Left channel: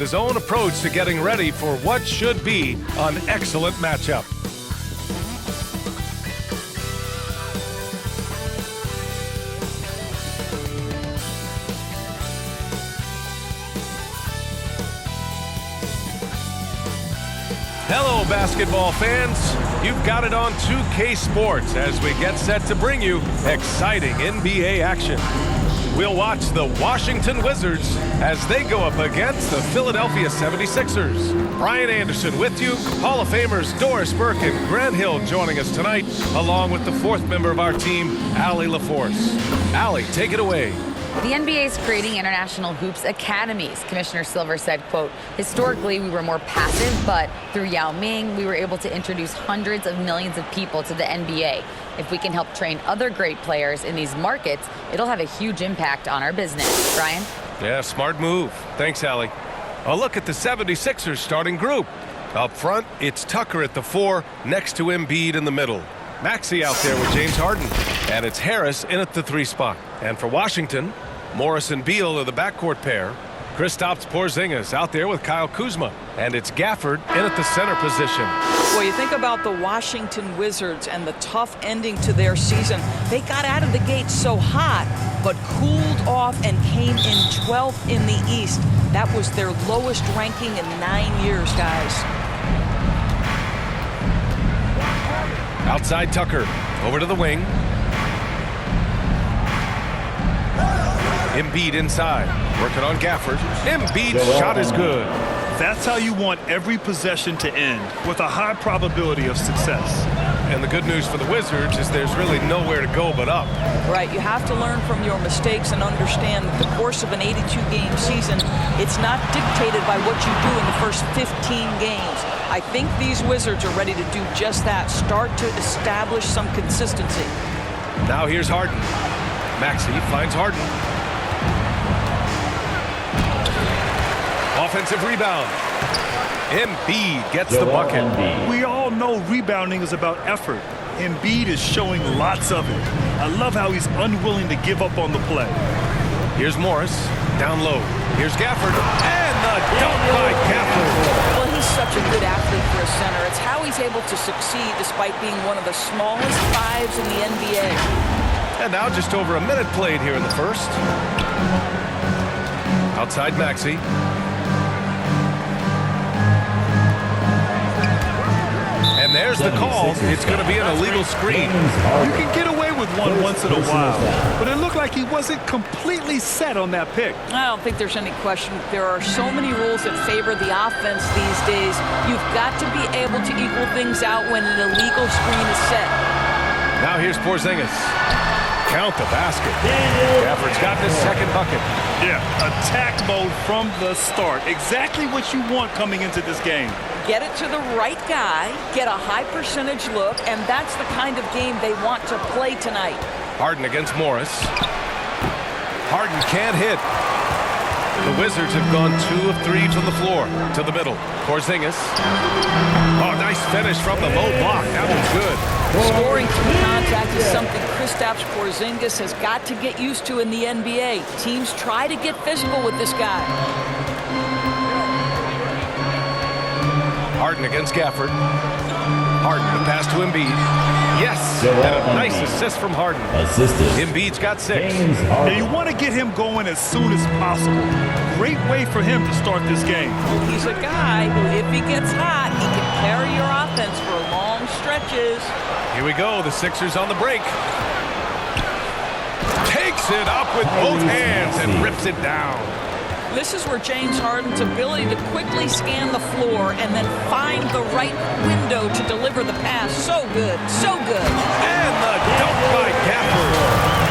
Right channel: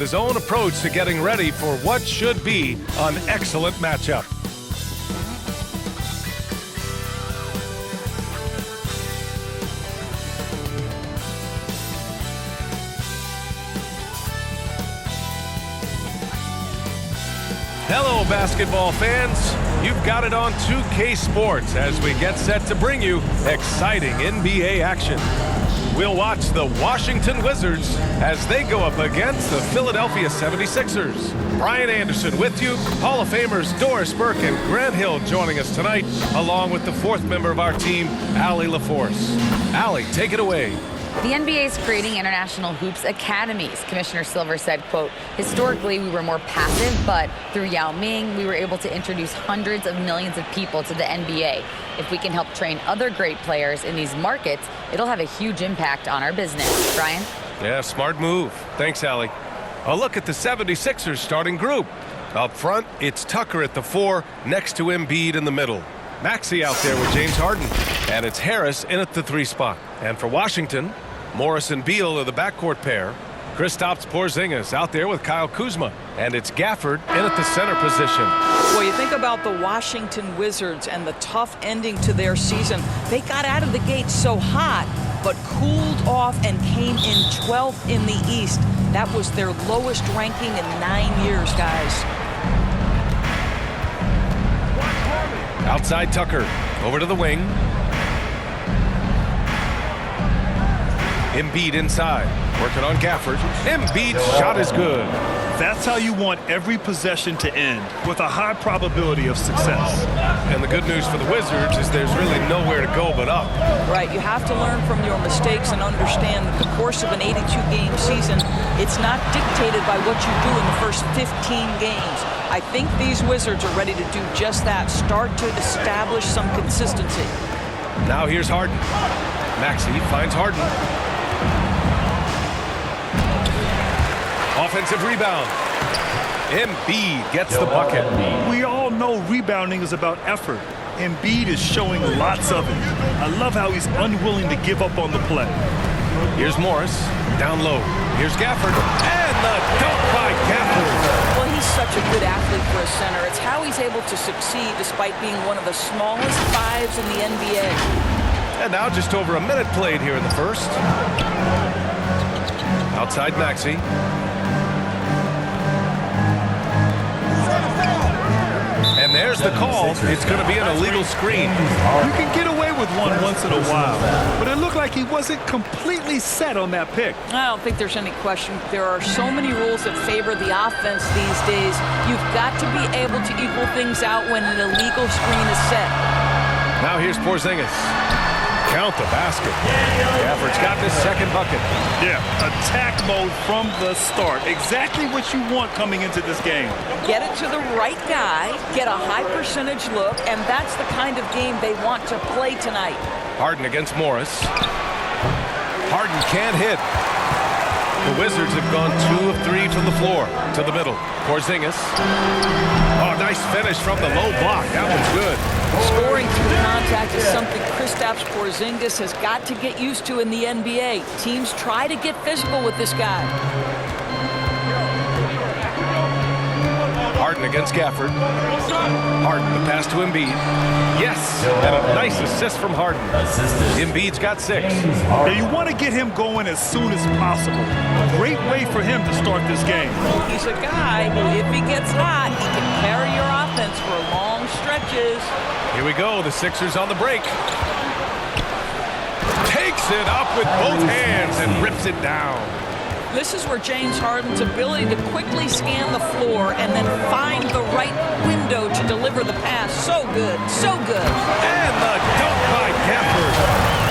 His own approach to getting ready for what should be an excellent matchup. Hello, basketball fans. You've got it on 2K Sports as we get set to bring you exciting NBA action. We'll watch the Washington Wizards as they go up against the Philadelphia 76ers. Brian Anderson with you, Hall of Famers Doris Burke and Grant Hill joining us tonight, along with the fourth member of our team, Allie LaForce. Allie, take it away. The NBA is creating international hoops academies. Commissioner Silver said, quote, historically, we were more passive, but through Yao Ming, we were able to introduce hundreds of millions of people to the NBA. If we can help train other great players in these markets, it'll have a huge impact on our business. Brian? Yeah, smart move. Thanks, Allie. A look at the 76ers starting group. Up front, it's Tucker at the 4, next to Embiid in the middle. Maxey out there with James Harden. And it's Harris in at the 3 spot. And for Washington, Morris and Beal are the backcourt pair. Kristaps Porzingis out there with Kyle Kuzma. And it's Gafford in at the center position. Well, you think about the Washington Wizards and the tough ending to their season. They got out of the gate so hot, but cooled off and came in 12th in the East. That was their lowest ranking in 9 years, guys. Outside Tucker, over to the wing. Embiid inside, working on Gafford. Embiid's shot is good. That's how you want every possession to end, with a high probability of success. And the good news for the Wizards is there's really nowhere to go but up. Right, you have to learn from your mistakes and understand that the course of an 82-game season, it's not dictated by what you do in the first 15 games. I think these Wizards are ready to do just that, start to establish some consistency. Now here's Harden. Maxey finds Harden. Offensive rebound. Embiid gets the bucket. We all know rebounding is about effort. Embiid is showing lots of it. I love how he's unwilling to give up on the play. Here's Morris, down low. Here's Gafford, and the dunk by Gafford. Well, he's such a good athlete for a center. It's how he's able to succeed despite being one of the smallest 5s in the NBA. And now just over a minute played here in the first. Outside Maxey. And there's the call. It's going to be an illegal screen. You can get away with one once in a while, but it looked like he wasn't completely set on that pick. I don't think there's any question. There are so many rules that favor the offense these days. You've got to be able to equal things out when an illegal screen is set. Now here's Porzingis. Count the basket. Gafford's gotten his second bucket. Yeah, attack mode from the start. Exactly what you want coming into this game. Get it to the right guy, get a high percentage look, and that's the kind of game they want to play tonight. Harden against Morris. Harden can't hit. The Wizards have gone 2 of 3 from the floor to the middle. Porzingis. Oh, nice finish from the low block. That one's good. Scoring through contact is something Kristaps Porzingis has got to get used to in the NBA. Teams try to get physical with this guy. Harden against Gafford. Harden, the pass to Embiid. Yes, and a nice assist from Harden. Embiid's got 6. Yeah, you want to get him going as soon as possible. Great way for him to start this game. He's a guy who, if he gets hot, he can carry your offense for long stretches. Here we go, the Sixers on the break. Takes it up with both hands and rips it down. This is where James Harden's ability to quickly scan the floor and then find the right window to deliver the pass. So good, so good. And the dunk by Gafford.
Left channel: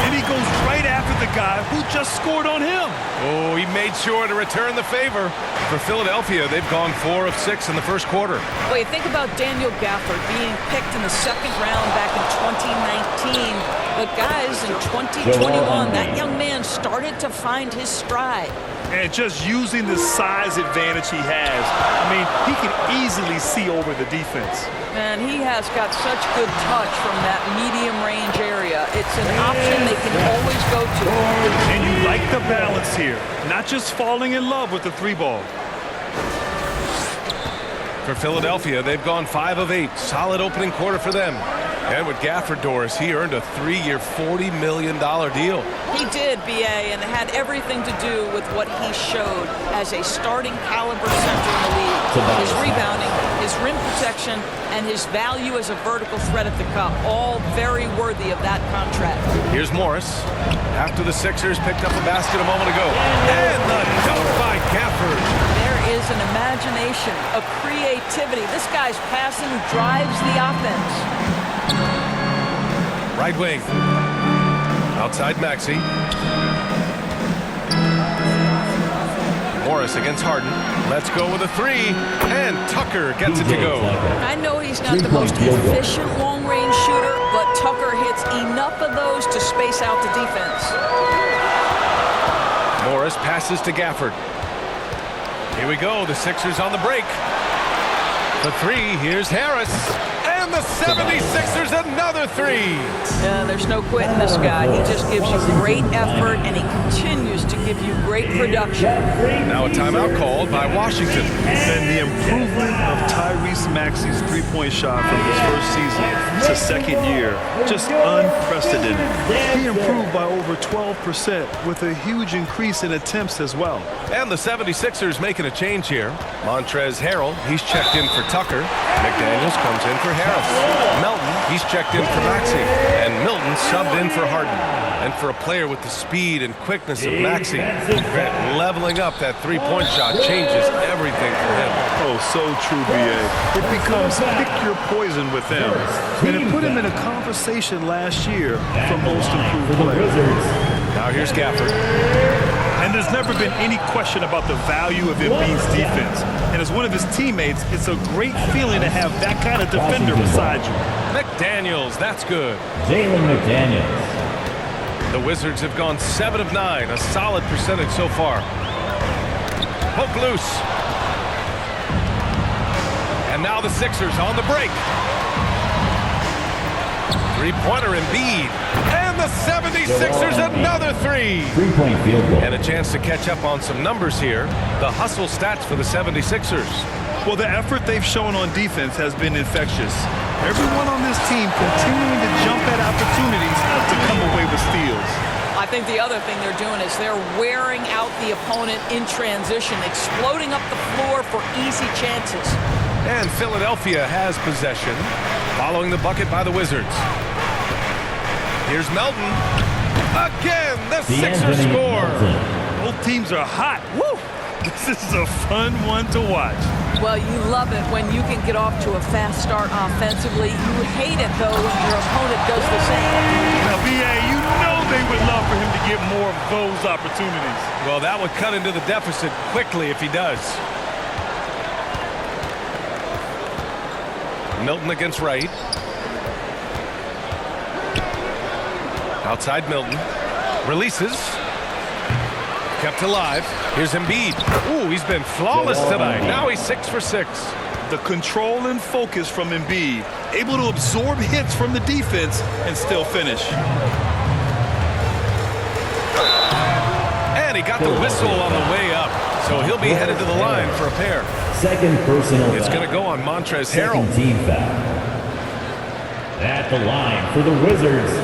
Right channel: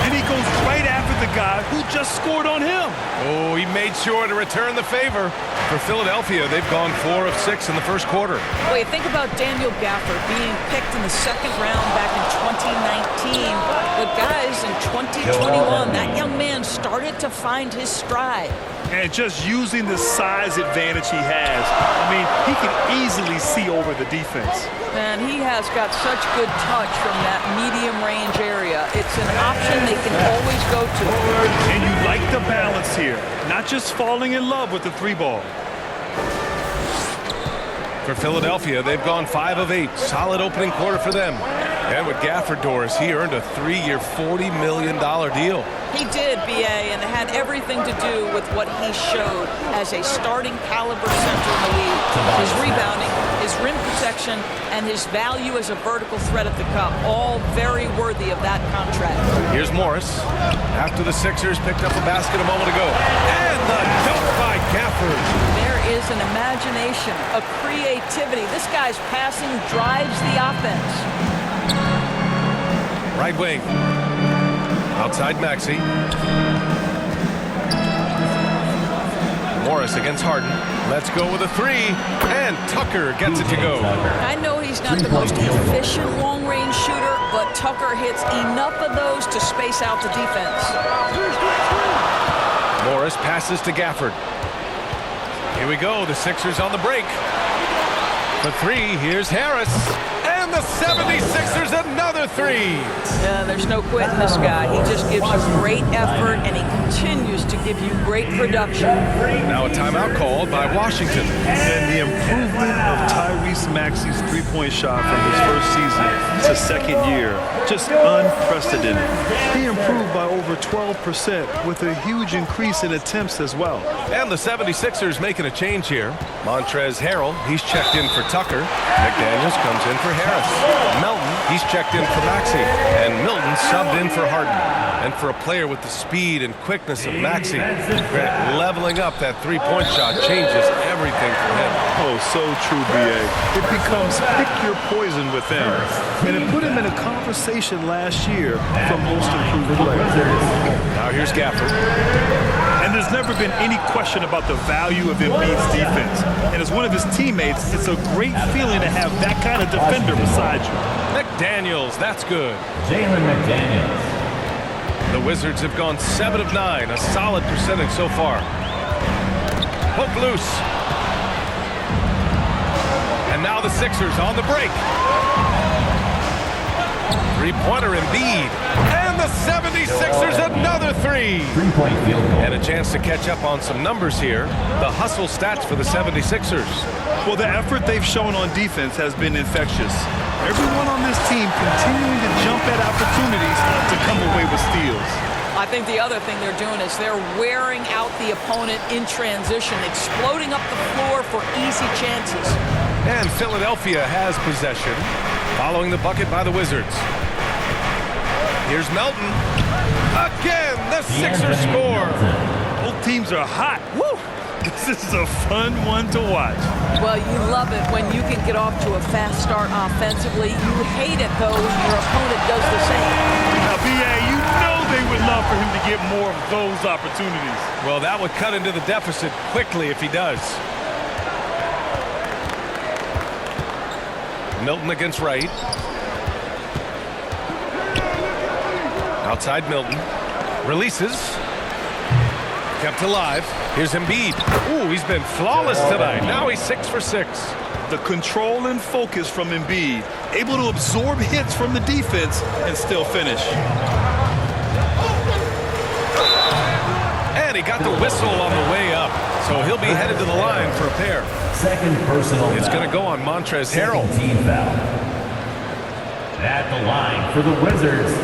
And he goes right after the guy who just scored on him. Oh, he made sure to return the favor. For Philadelphia, they've gone 4 of 6 in the first quarter. Well, you think about Daniel Gafford being picked in the 2nd round back in 2019. But guys, in 2021, that young man started to find his stride. And just using the size advantage he has, I mean, he can easily see over the defense. And he has got such good touch from that medium range area. It's an option they can always go to. And you like the balance here, not just falling in love with the 3 ball. For Philadelphia, they've gone 5 of 8. Solid opening quarter for them. And with Gafford, Doris, he earned a 3-year, $40 million deal. He did, B.A., and it had everything to do with what he showed as a starting caliber center in the league. His rebounding, his rim protection, and his value as a vertical threat at the cup, all very worthy of that contract. Here's Morris. After the Sixers picked up a basket a moment ago. And the dunk by Gafford. There is an imagination, a creativity. This guy's passing drives the offense. Right wing. Outside Maxey. Morris against Harden. Let's go with a 3. And Tucker gets it to go. I know he's not the most efficient long-range shooter, but Tucker hits enough of those to space out the defense. Morris passes to Gafford. Here we go. The Sixers on the break. For 3, here's Harris. And the 76ers another 3. Yeah, there's no quitting this guy. He just gives you great effort, and he continues to give you great production. Now a timeout called by Washington. And the improvement of Tyrese Maxey's three-point shot from his first season to second year, just unprecedented. He improved by over 12% with a huge increase in attempts as well. And the 76ers making a change here. Montrezl Harrell, he's checked in for Tucker. McDaniels comes in for Harris. Melton, he's checked in for Maxey. And Milton subbed in for Harden. And for a player with the speed and quickness of Maxey, Grant, leveling up that three-point shot changes everything for him. Oh, so true, B.A. It becomes pick your poison with them. And it put him in a conversation last year for most improved player. Now here's Gafford. And there's never been any question about the value of Embiid's defense. And as one of his teammates, it's a great feeling to have that kind of defender beside you. McDaniels, that's good. Jalen McDaniels. The Wizards have gone 7 of 9, a solid percentage so far. Poke loose. And now the Sixers on the break. Three-pointer Embiid. And the 76ers another 3. Three-point field goal. And a chance to catch up on some numbers here. The hustle stats for the 76ers. Well, the effort they've shown on defense has been infectious. Everyone on this team continuing to jump at opportunities to come away with steals. I think the other thing they're doing is they're wearing out the opponent in transition, exploding up the floor for easy chances. And Philadelphia has possession, following the bucket by the Wizards. Here's Melton. Again, the Sixers score. Both teams are hot. Woo! This is a fun one to watch. Well, you love it when you can get off to a fast start offensively. You hate it, though, when your opponent does the same. Now, B.A., you know they would love for him to get more of those opportunities. Well, that would cut into the deficit quickly if he does. Milton against Wright. Outside Milton. Releases. Kept alive. Here's Embiid. Ooh, he's been flawless tonight. Now he's 6 for 6. The control and focus from Embiid, able to absorb hits from the defense and still finish. And he got the whistle on the way up, so he'll be headed to the line for a pair. Second personal It's going to go on Montrezl Harrell. Second team foul. At the line for the Wizards,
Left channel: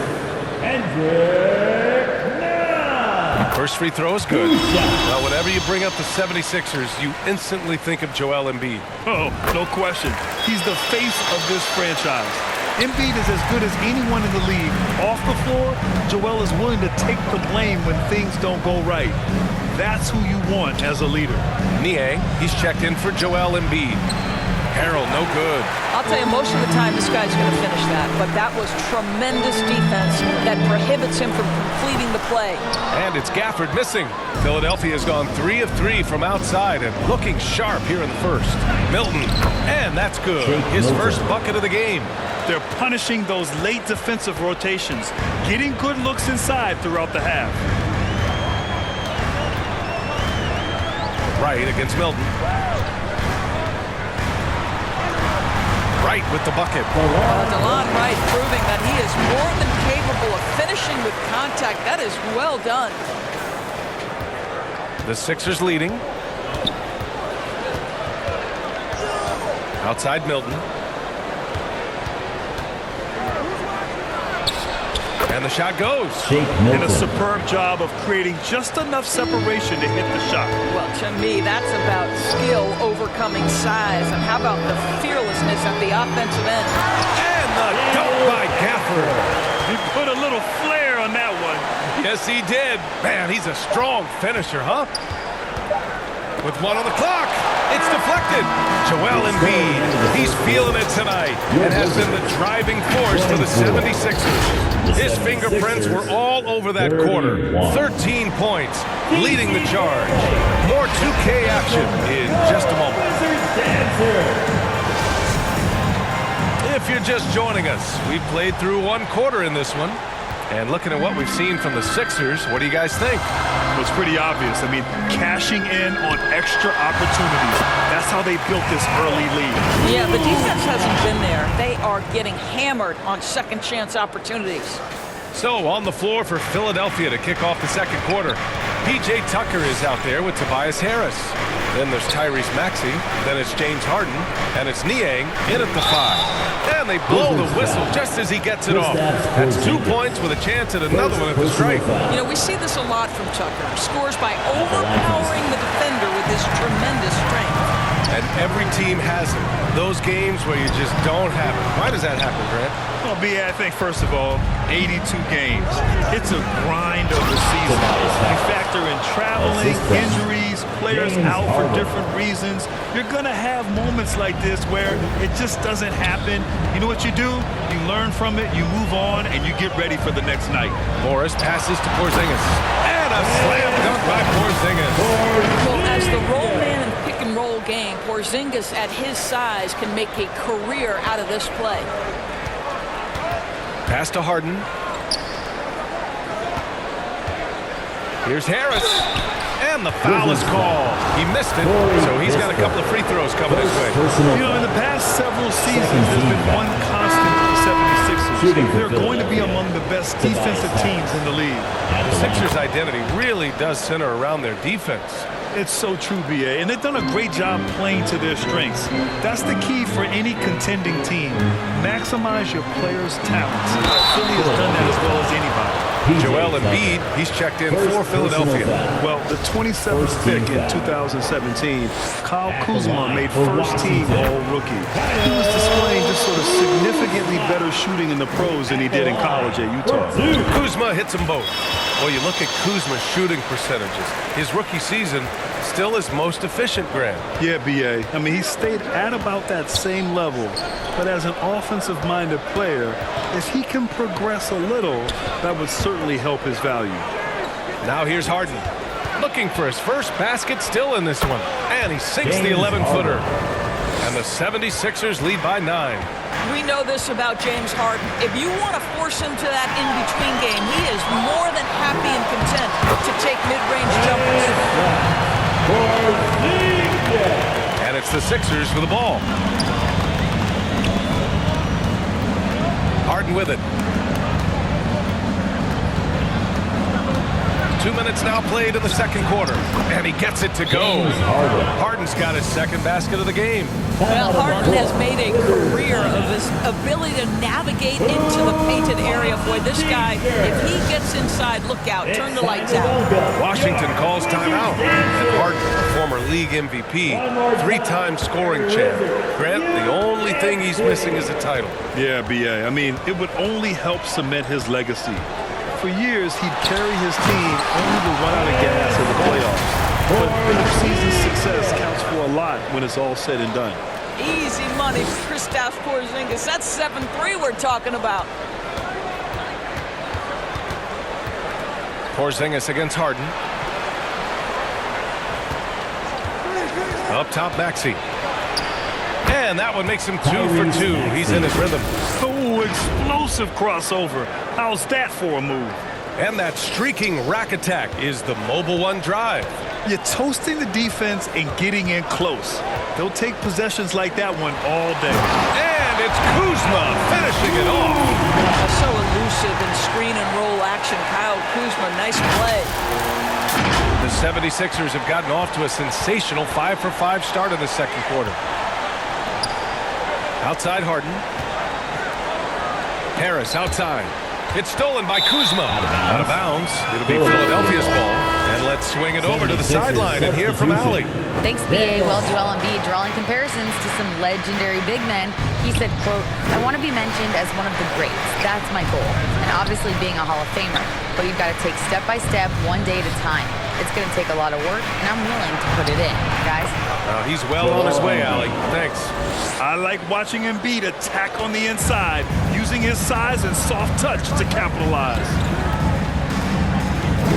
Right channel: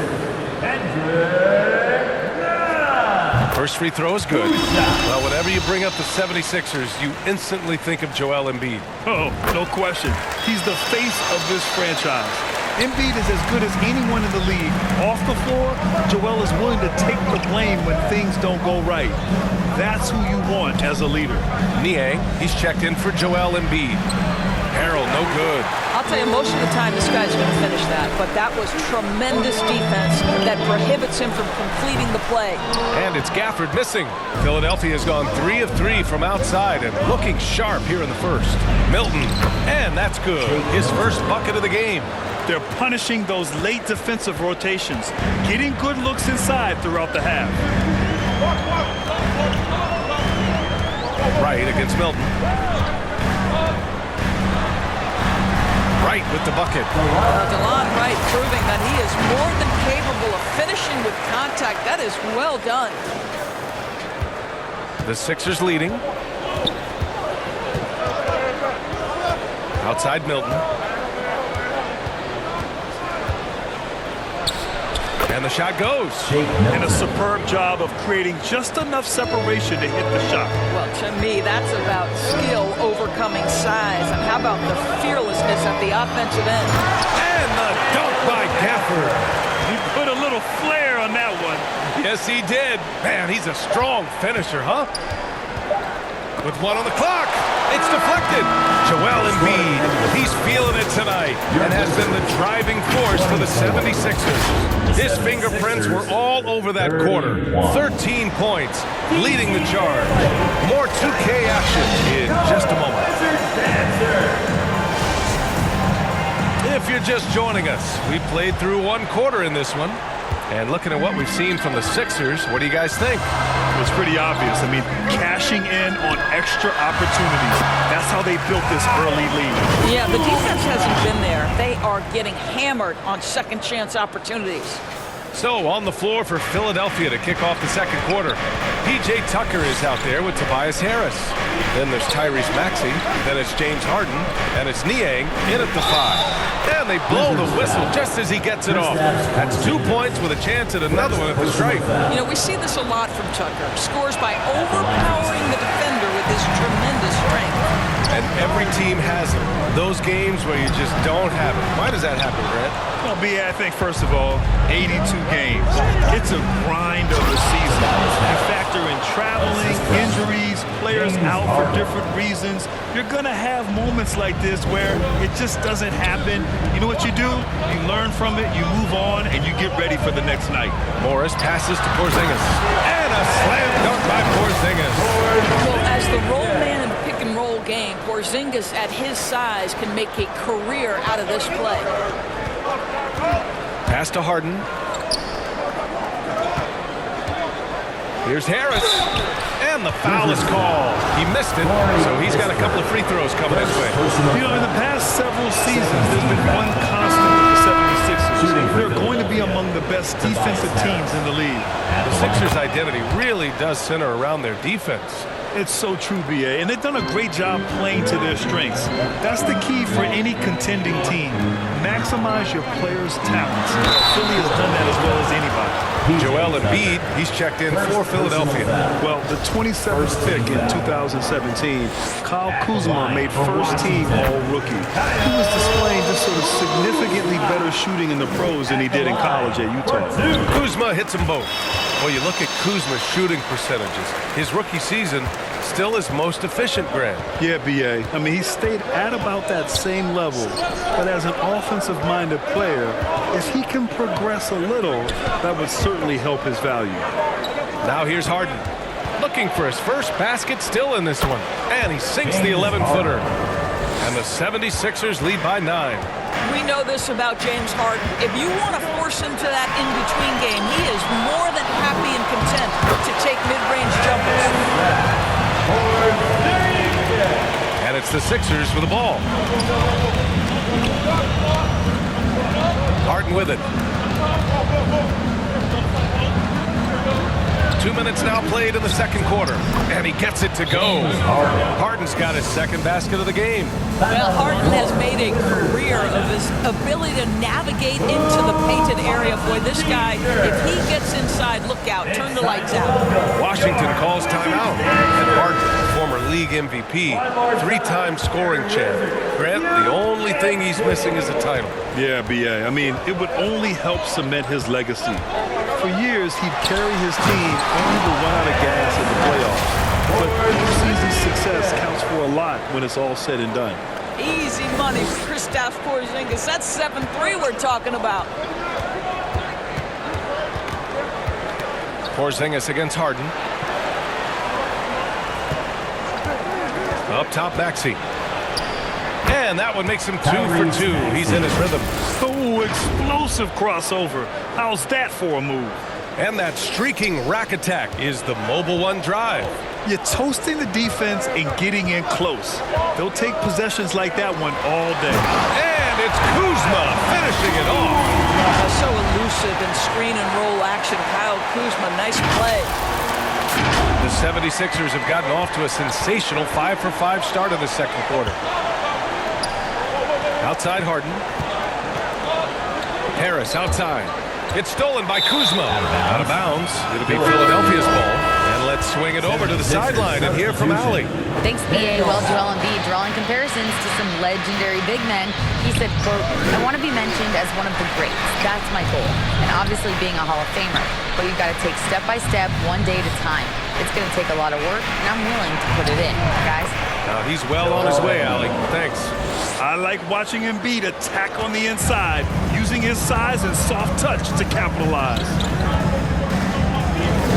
First free throw is good. Well, whenever you bring up the 76ers, you instantly think of Joel Embiid. Oh, no question. He's the face of this franchise. Embiid is as good as anyone in the league. Off the floor, Joel is willing to take the blame when things don't go right. That's who you want as a leader. Niang, he's checked in for Joel Embiid. Harrell, no good. I'll tell you, most of the time this guy's going to finish that, but that was tremendous defense that prohibits him from completing the play. And it's Gafford missing. Philadelphia has gone 3 of 3 from outside and looking sharp here in the first. Milton, and that's good. His first bucket of the game. They're punishing those late defensive rotations, getting good looks inside throughout the half. Wright against Milton. Wright with the bucket. DeLon Wright proving that he is more than capable of finishing with contact. That is well done. The Sixers leading. Outside Milton. And the shot goes. And a superb job of creating just enough separation to hit the shot. Well, to me, that's about skill overcoming size. And how about the fearlessness at the offensive end? And the dunk by Gafford. He put a little flair on that one. Yes, he did. Man, he's a strong finisher, huh? With one on the clock. It's deflected. Joel Embiid, he's feeling it tonight and has been the driving force for the 76ers. His fingerprints were all over that quarter. 13 points, leading the charge. More 2K action in just a moment. If you're just joining us, we played through one quarter in this one. And looking at what we've seen from the Sixers, what do you guys think? Well, it's pretty obvious. I mean, cashing in on extra opportunities. That's how they built this early lead. Yeah, the defense hasn't been there. They are getting hammered on second chance opportunities. So on the floor for Philadelphia to kick off the second quarter. P.J. Tucker is out there with Tobias Harris. Then there's Tyrese Maxey. Then it's James Harden. And it's Niang in at the 5. And they blow the whistle just as he gets it off. That's 2 points with a chance at another one at the stripe. You know, we see this a lot from Tucker. Scores by overpowering the defender with his tremendous strength. And every team has it. Those games where you just don't have it. Why does that happen, Grant? Well, B.A., I think, first of all, 82 games. It's a grind of the season. You factor in traveling, injuries, players out for different reasons. You're going to have moments like this where it just doesn't happen. You know what you do? You learn from it, you move on, and you get ready for the next night. Morris passes to Porzingis. And a slam dunk by Porzingis. Well, as the roll man in the pick-and-roll game, Porzingis at his size can make a career out of this play. Pass to Harden. Here's Harris. And the foul is called. He missed it, so he's got a couple of free throws coming his way. You know, in the past several seasons, there's been one constant with the 76ers. They're going to be among the best defensive teams in the league. The Sixers' identity really does center around their defense. It's so true, B.A., and they've done a great job playing to their strengths. That's the key for any contending team. Maximize your players' talents. Philly has done that as well as anybody. Joel Embiid, he's checked in for Philadelphia. Well, the 27th pick in 2017, Kyle Kuzma made first-team All-Rookie. He was displaying just sort of significantly better shooting in the pros than he did in college at Utah. Kuzma hits them both. Well, you look at Kuzma's shooting percentages. His rookie season, still his most efficient, Grant. Yeah, B.A. I mean, he stayed at about that same level. But as an offensive-minded player, if he can progress a little, that would certainly help his value. Now here's Harden. Looking for his first basket still in this one. And he sinks the 11-footer. And the 76ers lead by 9. We know this about James Harden. If you want to force him to that in-between game, he is more than happy and content to take mid-range jumpers. And it's the Sixers with the ball. Harden with it. 2 minutes now played in the second quarter. And he gets it to go. Harden's got his second basket of the game. Well, Harden has made a career of his ability to navigate into the painted area. Boy, this guy, if he gets inside, look out, turn the lights out. Washington calls timeout. And Harden, former league MVP, 3-time scoring champ. Grant, the only thing he's missing is a title. Yeah, B.A. I mean, it would only help cement his legacy. For years, he'd carry his team only to run out of gas in the playoffs. But postseason success counts for a lot when it's all said and done. Easy money for Kristaps Porzingis. That's 7-3 we're talking about. Porzingis against Harden. Up top, Maxey. And that one makes him 2 for 2. He's in his rhythm. Oh, explosive crossover. How's that for a move? And that streaking rack attack is the mobile one drive. You're toasting the defense and getting in close. They'll take possessions like that one all day. And it's Kuzma finishing it off. So elusive in screen and roll action. Kyle Kuzma, nice play. The 76ers have gotten off to a sensational 5-for-5 start in the second quarter. Outside Harden. Harris outside. It's stolen by Kuzma. Out of bounds. It'll be Philadelphia's ball. And let's swing it over to the sideline and hear from Allie. Thanks, BA. Well, Joel Embiid drawing comparisons to some legendary big men. He said, quote, "I want to be mentioned as one of the greats. That's my goal. And obviously being a Hall of Famer. But you've got to take step by step, one day at a time. It's going to take a lot of work, and I'm willing to put it in, guys." Now he's well on his way, Allie. Thanks. I like watching Embiid attack on the inside, using his size and soft touch to capitalize.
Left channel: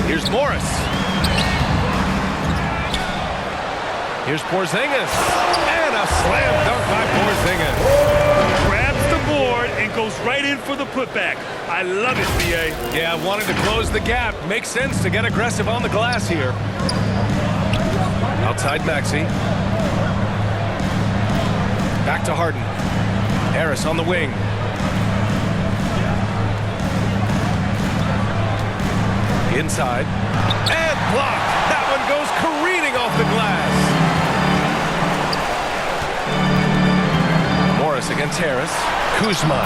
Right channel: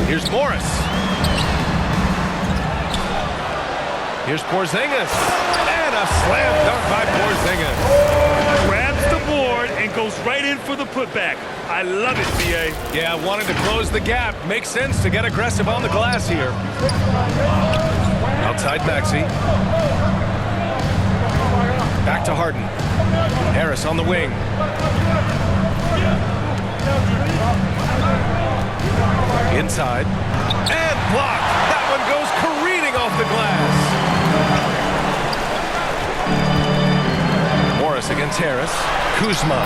Here's Morris. Here's Porzingis. And a slam dunk by Porzingis. Grabs the board and goes right in for the putback. I love it, BA. Yeah, wanted to close the gap. Makes sense to get aggressive on the glass here. Outside Maxey. Back to Harden. Harris on the wing. Inside. And blocked. That one goes careening off the glass. Morris against Harris. Kuzma.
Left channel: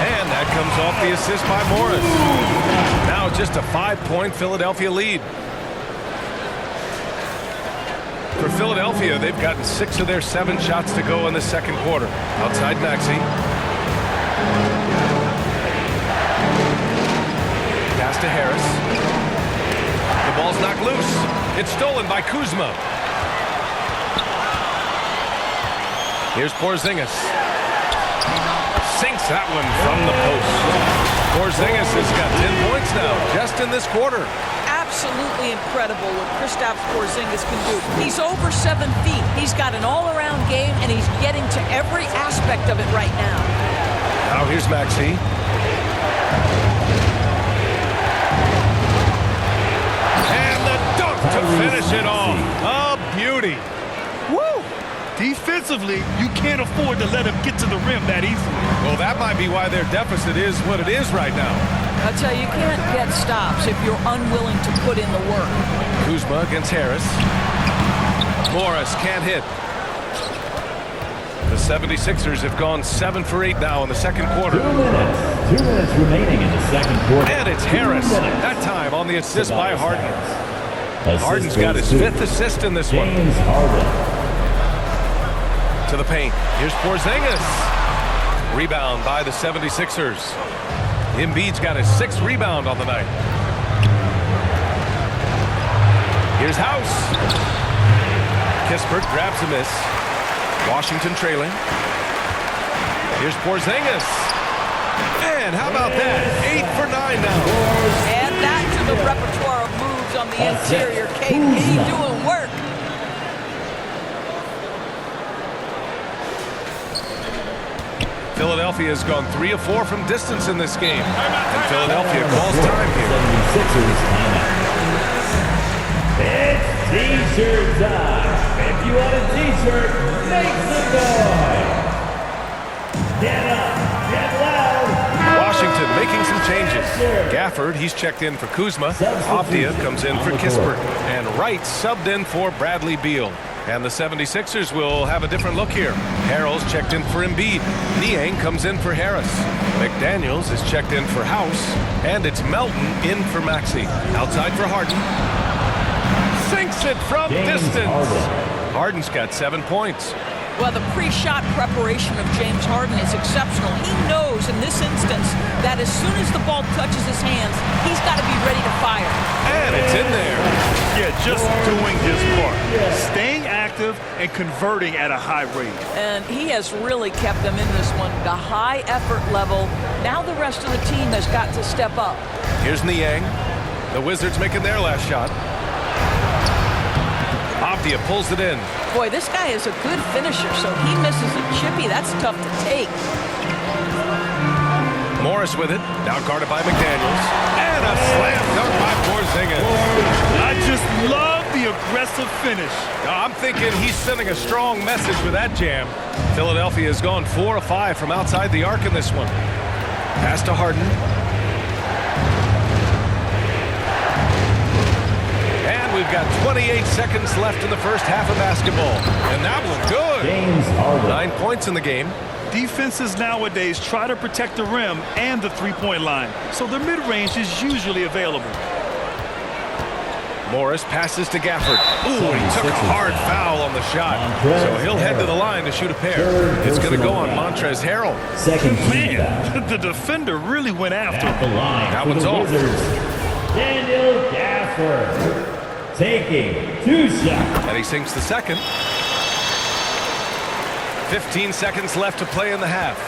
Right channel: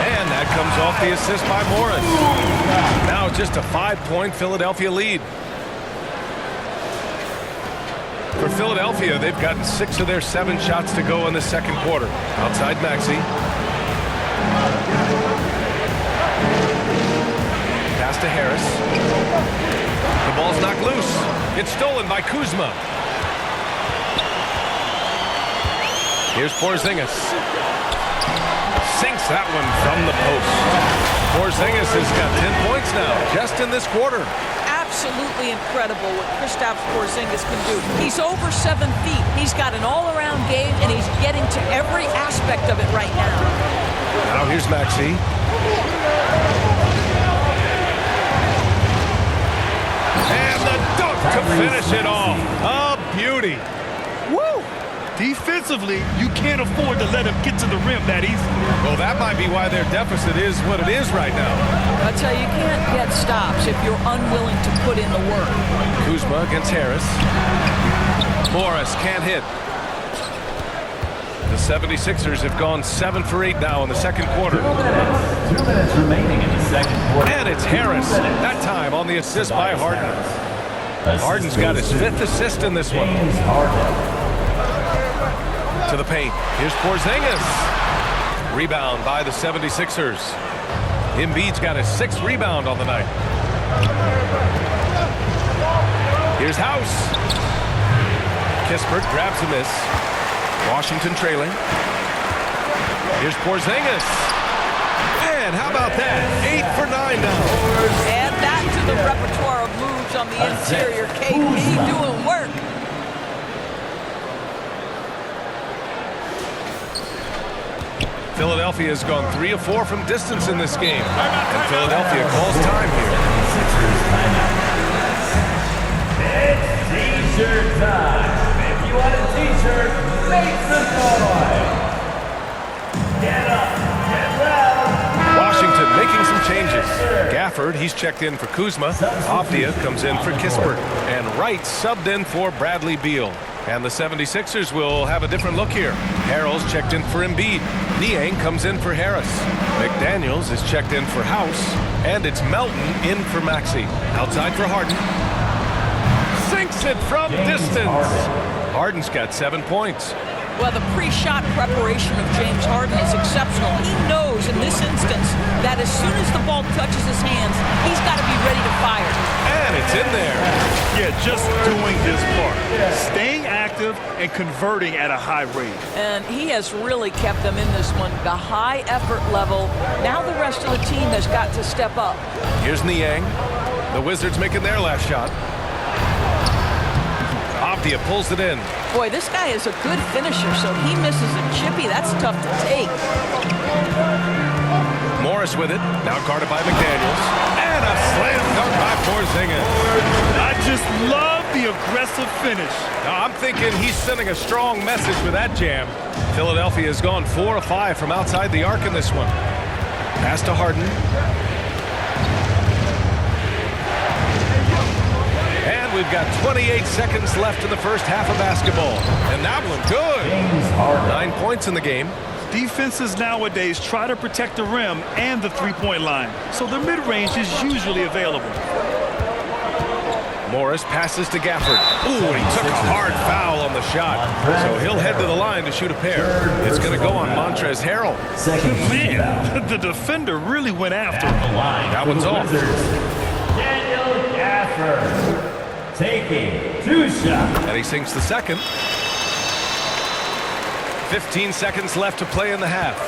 And that comes off the assist by Morris. Now just a 5-point Philadelphia lead. For Philadelphia, they've gotten 6 of their 7 shots to go in the second quarter. Outside Maxey. Pass to Harris. The ball's knocked loose. It's stolen by Kuzma. Here's Porzingis. Sinks that one from the post. Porzingis has got 10 points now, just in this quarter. Absolutely incredible what Kristaps Porzingis can do. He's over 7 feet. He's got an all-around game, and he's getting to every aspect of it right now. Now here's Maxey. And the dunk to finish it off. A beauty. Woo! Defensively, you can't afford to let him get to the rim that easily. Well, that might be why their deficit is what it is right now. I tell you, you can't get stops if you're unwilling to put in the work. Kuzma against Harris. Morris can't hit. The 76ers have gone 7 for 8 now in the second quarter. 2 minutes. 2 minutes remaining in the second quarter. And it's Harris. That time on the assist by Harden. Harden's got his 5th assist in this one. James Harden. To the paint. Here's Porzingis. Rebound by the 76ers. Embiid's got his 6th rebound on the night. Here's House. Kispert grabs a miss. Washington trailing. Here's Porzingis. And how about that? 8 for 9 now. Add that to the repertoire of moves on the interior. KP doing work. Philadelphia has gone 3 of 4 from distance in this game. And Philadelphia calls time here. 76ers timeout. It's T-shirt time. If you want a T-shirt, make some noise. Get up, get loud. Washington making some changes. Gafford, he's checked in for Kuzma. Avdia comes in for Kispert. And Wright subbed in for Bradley Beal. And the 76ers will have a different look here. Harrell's checked in for Embiid. Niang comes in for Harris. McDaniels is checked in for House. And it's Melton in for Maxey. Outside for Harden. Sinks it from distance. Harden's got 7 points. Well, the pre-shot preparation of James Harden is exceptional. He knows in this instance that as soon as the ball touches his hands, he's got to be ready to fire. And it's in there. Yeah, just doing his part. Staying active and converting at a high rate. And he has really kept them in this one. The high effort level. Now the rest of the team has got to step up. Here's Niang. The Wizards making their last shot. Avdia pulls it in. Boy, this guy is a good finisher, so he misses a chippy. That's tough to take. Morris with it. Now guarded by McDaniels. And a slam dunk by Porzingis. I just love the aggressive finish. Now, I'm thinking he's sending a strong message with that jam. Philadelphia has gone 4 of 5 from outside the arc in this one. Pass to Harden. And we've got 28 seconds left in the first half of basketball. And that one good. James Harden. 9 points in the game. Defenses nowadays try to protect the rim and the three-point line, so their mid-range is usually available. Morris passes to Gafford. Ooh, and he took a hard foul on the shot. So he'll head to the line to shoot a pair. It's going to go on Montrezl Harrell. Man, the defender really went after him. That one's off. Daniel Gafford taking 2 shots. And he sinks the second. 15 seconds left to play in the half.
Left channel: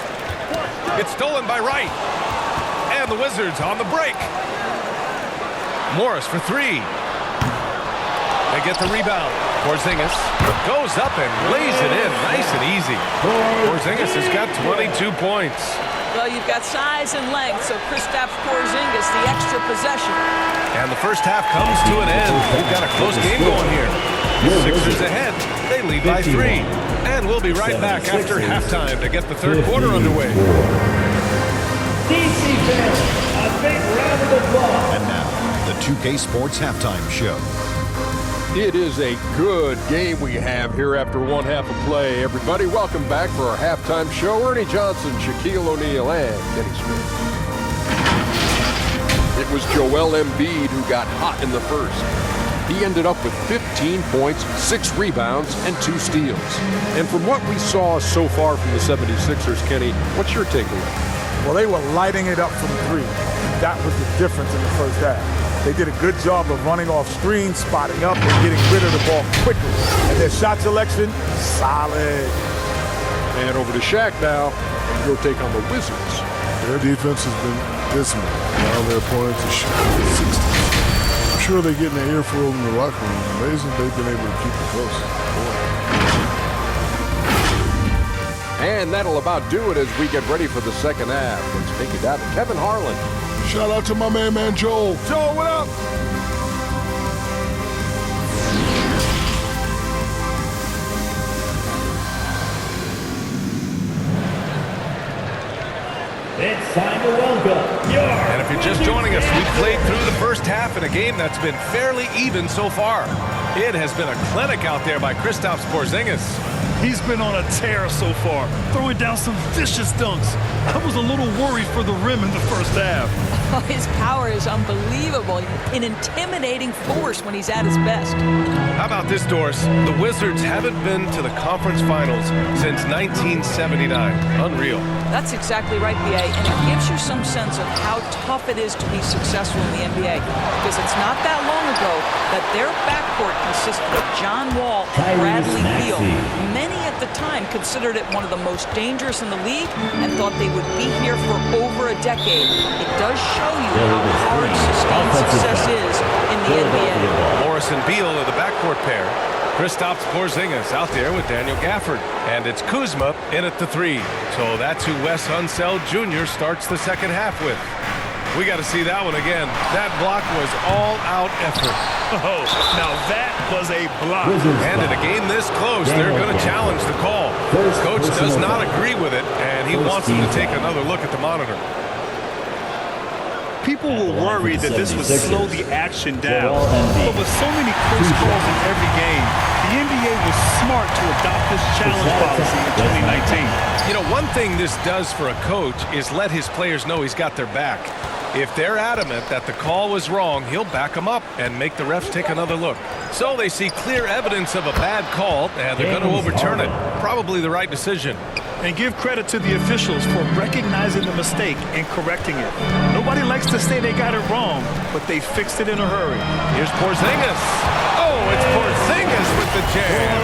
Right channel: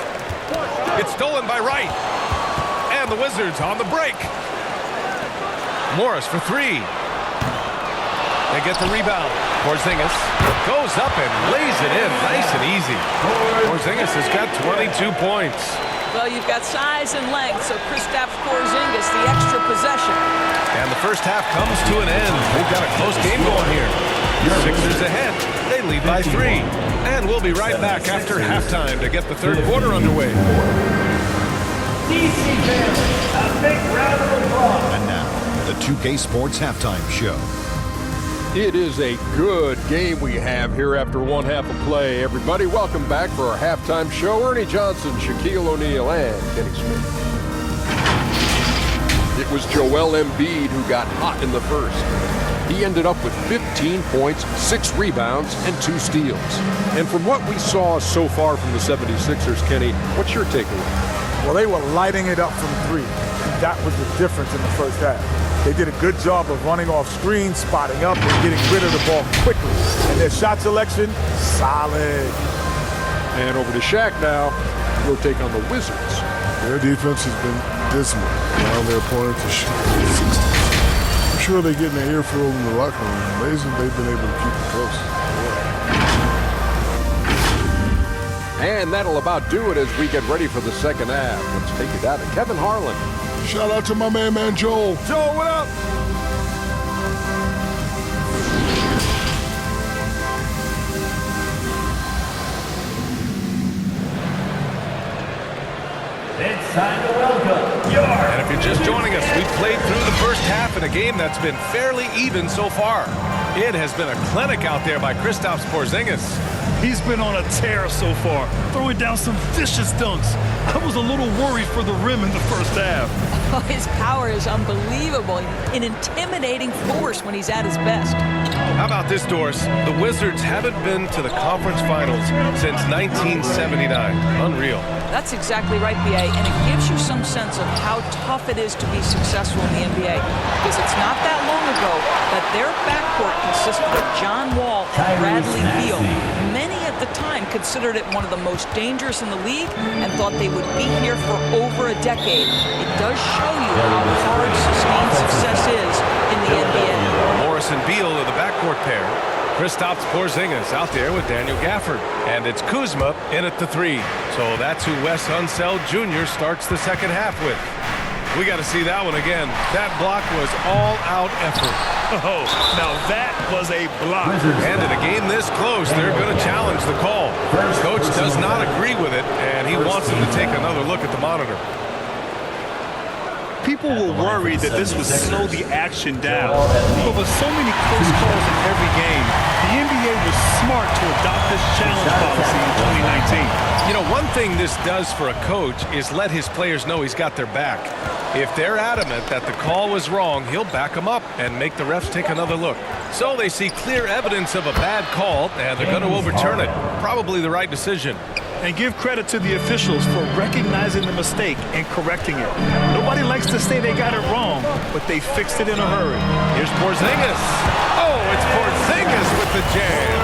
It's stolen by Wright. And the Wizards on the break. Morris for 3. They get the rebound. Porzingis goes up and lays it in nice and easy. Porzingis has got 22 points. Well, you've got size and length, so Kristaps Porzingis, the extra possession. And the first half comes to an end. We've got a close game going here. Sixers ahead. They lead by 3. And we'll be right back after halftime to get the third quarter underway. DC fans, a big round of applause. And now, the 2K Sports Halftime Show. It is a good game we have here after one half of play. Everybody, welcome back for our halftime show. Ernie Johnson, Shaquille O'Neal, and Kenny Smith. It was Joel Embiid who got hot in the first. He ended up with 15 points, 6 rebounds, and 2 steals. And from what we saw so far from the 76ers, Kenny, what's your takeaway? Well, they were lighting it up from 3, and that was the difference in the first half. They did a good job of running off screens, spotting up, and getting rid of the ball quickly. And their shot selection, solid. And over to Shaq now, your take on the Wizards. Their defense has been dismal, allowing their opponent to shoot 60. I'm sure they're getting an earful in the locker room. Amazing they've been able to keep it close. And that'll about do it as we get ready for the second half. Let's take it down to Kevin Harlan. Shout out to my man Joel. Joel, what up? It's time to welcome your... And if you're just joining us, we've played through the first half in a game that's been fairly even so far. It has been a clinic out there by Kristaps Porzingis. He's been on a tear so far, throwing down some vicious dunks. I was a little worried for the rim in the first half. Oh, his power is unbelievable. An intimidating force when he's at his best. How about this, Doris? The Wizards haven't been to the conference finals since 1979. Unreal. That's exactly right, B.A., and it gives you some sense of how tough it is to be successful in the NBA. Because it's not that long ago that their backcourt consisted of John Wall and Bradley Beal. Many at the time considered it one of the most dangerous in the league and thought they would be here for over a decade. It does show you how hard sustained success is in the NBA. Morris and Beal are the backcourt pair. Kristaps Porzingis out there with Daniel Gafford. And it's Kuzma in at the 3. So that's who Wes Unseld Jr. starts the second half with. We got to see that one again. That block was all-out effort. Oh, now that was a block. And in a game this close, they're going to challenge the call. Coach does not agree with it, and he wants him to take another look at the monitor. People were worried that this would slow the action down. But with so many close calls in every game, the NBA was smart to adopt this challenge policy in 2019. You know, one thing this does for a coach is let his players know he's got their back. If they're adamant that the call was wrong, he'll back them up and make the refs take another look. So they see clear evidence of a bad call, and they're going to overturn it. Probably the right decision. And give credit to the officials for recognizing the mistake and correcting it. Nobody likes to say they got it wrong, but they fixed it in a hurry. Here's Porzingis. Oh, it's Porzingis with the jam.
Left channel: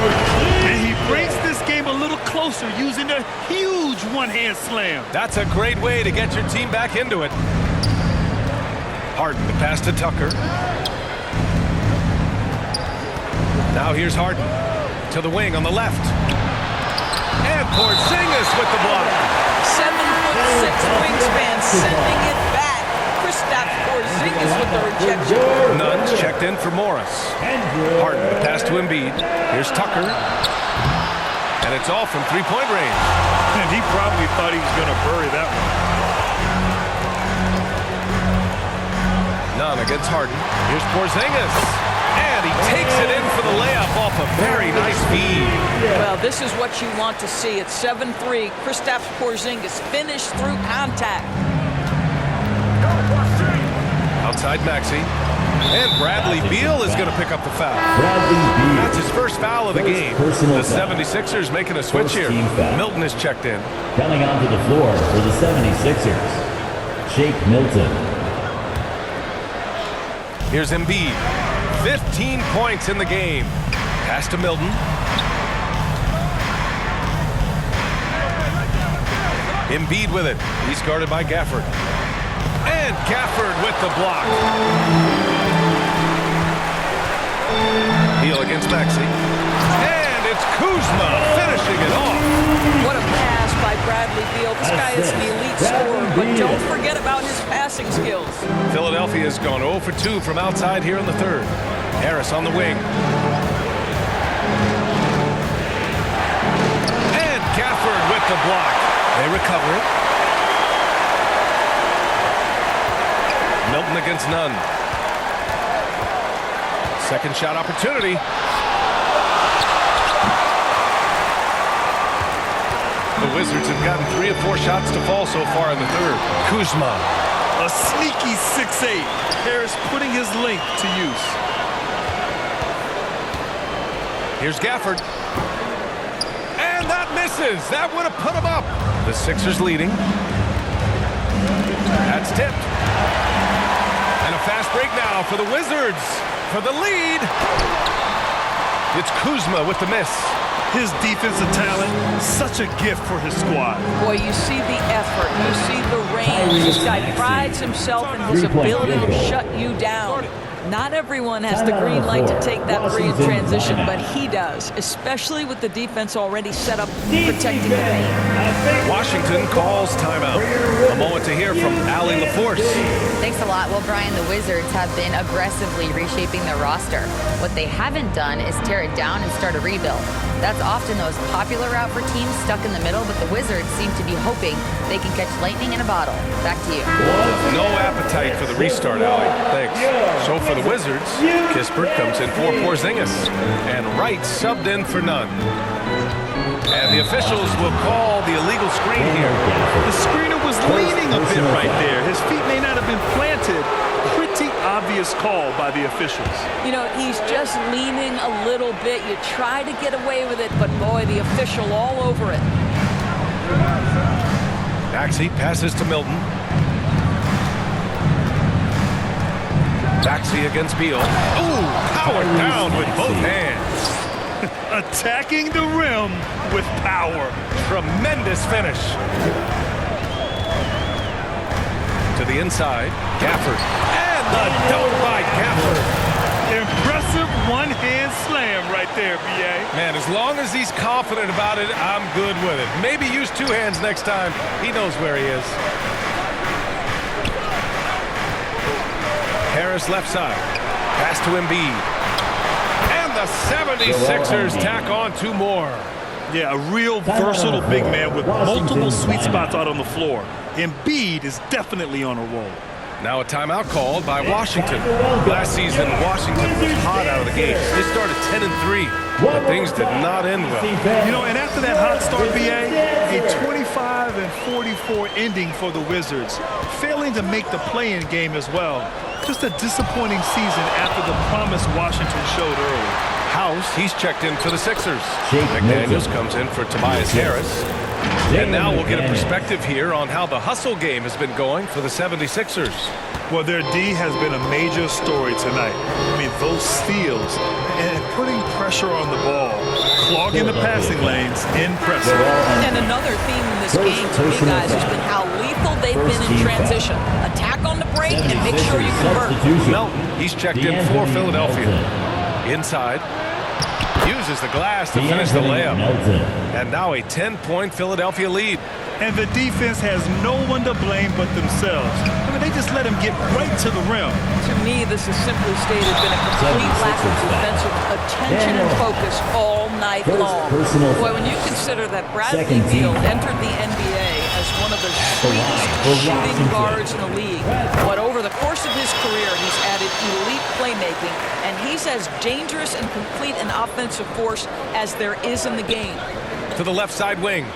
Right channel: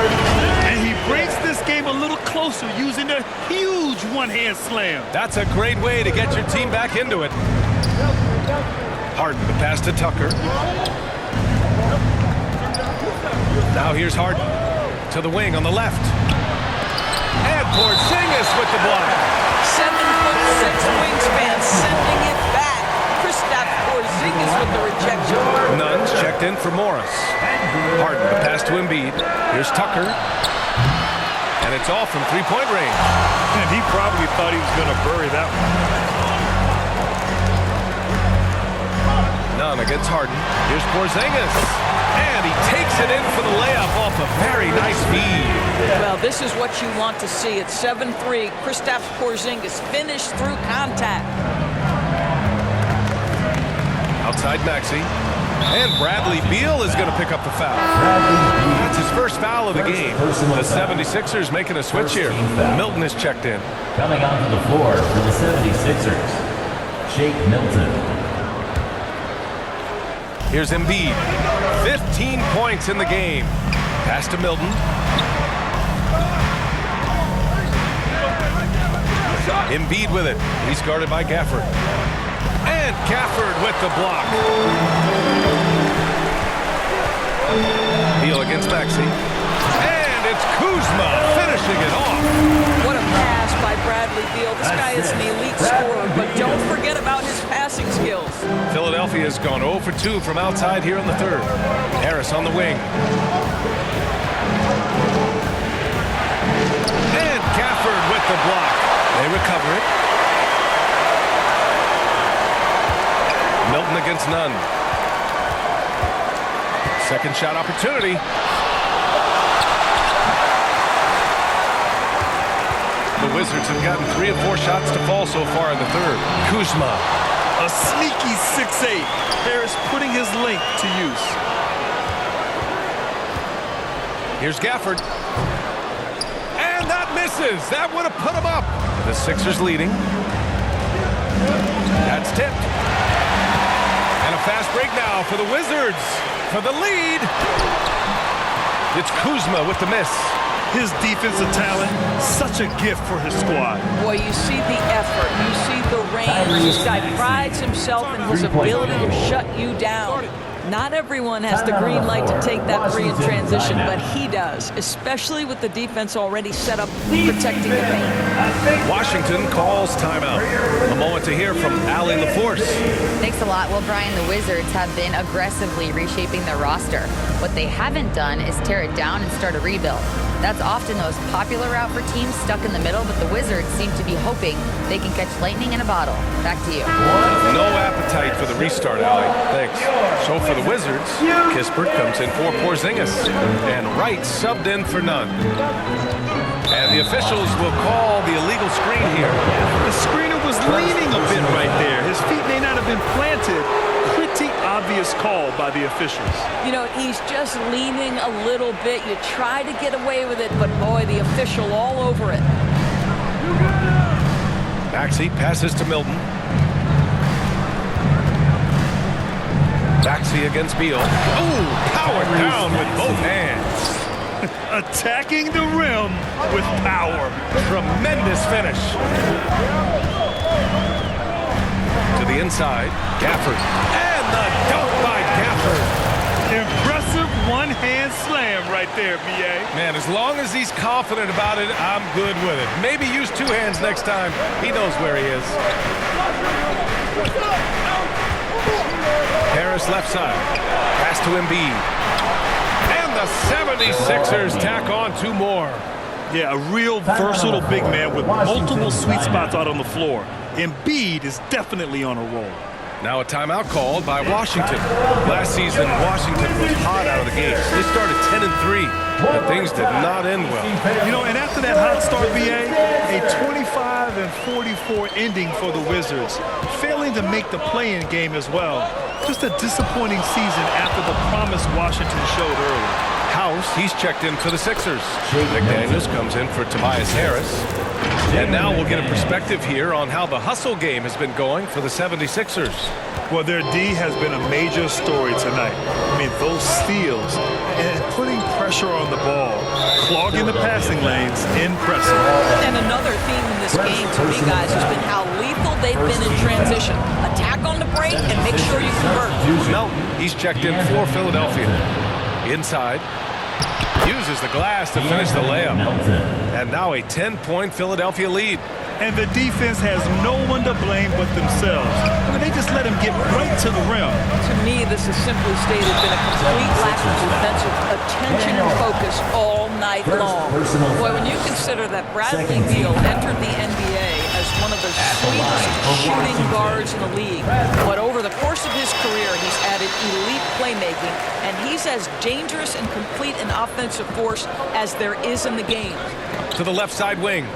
And he brings this game a little closer using a huge one-hand slam. That's a great way to get your team back into it. Harden to pass to Tucker. Now here's Harden to the wing on the left. And Porzingis with the block. 7'6" wingspan, sending it back. Kristaps Porzingis with the rejection. Nuns checked in for Morris. Harden the pass to Embiid. Here's Tucker. And it's all from three-point range. And he probably thought he was going to bury that one. Nunn against Harden. Here's Porzingis. And And he takes it in for the layup off a very nice feed. Well, this is what you want to see. It's 7-3. Kristaps Porzingis finished through contact. Outside Maxey. And Bradley Beal is going to pick up the foul. Bradley Beal. That's his first foul of the game. The 76ers making a switch here. Milton is checked in. Coming onto the floor for the 76ers, Shake Milton. Here's Embiid. 15 points in the game. Pass to Milton. Embiid with it. He's guarded by Gafford. And Gafford with the block. Beal against Maxey. And it's Kuzma finishing it off. What a pass by Bradley Beal. This guy is an elite scorer, but don't forget about his passing skills. Philadelphia has gone 0 for 2 from outside here in the third. Harris on the wing. And Gafford with the block. They recover it. Milton against Nunn. Second shot opportunity. The Wizards have gotten 3 of 4 shots to fall so far in the third. Kuzma. A sneaky 6'8". Harris putting his length to use. Here's Gafford. And that misses. That would have put him up. The Sixers leading. That's tipped. And a fast break now for the Wizards. For the lead. It's Kuzma with the miss. His defensive talent, such a gift for his squad. Boy, you see the effort. You see the range. This guy prides himself in his ability to shut you down. Not everyone has the green light to take that three in transition, but he does, especially with the defense already set up protecting the paint. Washington calls timeout. A moment to hear from Allie LaForce. Thanks a lot. Well, Brian, the Wizards have been aggressively reshaping their roster. What they haven't done is tear it down and start a rebuild. That's often the most popular route for teams stuck in the middle, but the Wizards seem to be hoping they can catch lightning in a bottle. Back to you. No appetite for the restart, Allie. Thanks. So for the Wizards, Kispert comes in for Porzingis, and Wright subbed in for Nunn. And the officials will call the illegal screen here. The screener was leaning a bit right there. His feet may not have been planted. Pretty obvious call by the officials. You know, he's just leaning a little bit. You try to get away with it, but boy, the official all over it. Maxey passes to Milton. Maxey against Beal. Ooh, powered down with both hands. Attacking the rim with power. Tremendous finish. To the inside, Gafford. And the dunk by Gafford. Impressive one-hand slam right there, B.A. Man, as long as he's confident about it, I'm good with it. Maybe use 2 hands next time. He knows where he is. Harris left side. Pass to Embiid. And the 76ers tack on 2 more. Yeah, a real versatile big man with multiple sweet spots out on the floor. Embiid is definitely on a roll. Now a timeout called by Washington. Last season, Washington was hot out of the gates. They started 10-3, but things did not end well. You know, and after that hot start, B.A., a 25-44 ending for the Wizards, failing to make the play-in game as well. Just a disappointing season after the promise Washington showed early. House, he's checked in for the Sixers. McDaniels comes in for Tobias Harris. And now we'll get a perspective here on how the hustle game has been going for the 76ers. Well, their D has been a major story tonight. I mean, those steals and putting pressure on the ball, clogging the passing lanes, impressive. And another theme in this game to me, guys, has been how lethal they've been in transition. Attack on the break and make sure you convert. Melton, he's checked in for Philadelphia. Inside. Uses the glass to finish the layup. And now a 10-point Philadelphia lead. And the defense has no one to blame but themselves. I mean, they just let him get right to the rim. To me, this has simply stated been a complete lack of defensive attention and focus all night long. Boy, when you consider that Bradley Beal entered the NBA as one of the sweetest shooting guards in the league, but over the course of his career, he's added elite playmaking, and he's as dangerous and complete an offensive force as there is in the game. To the left side wing.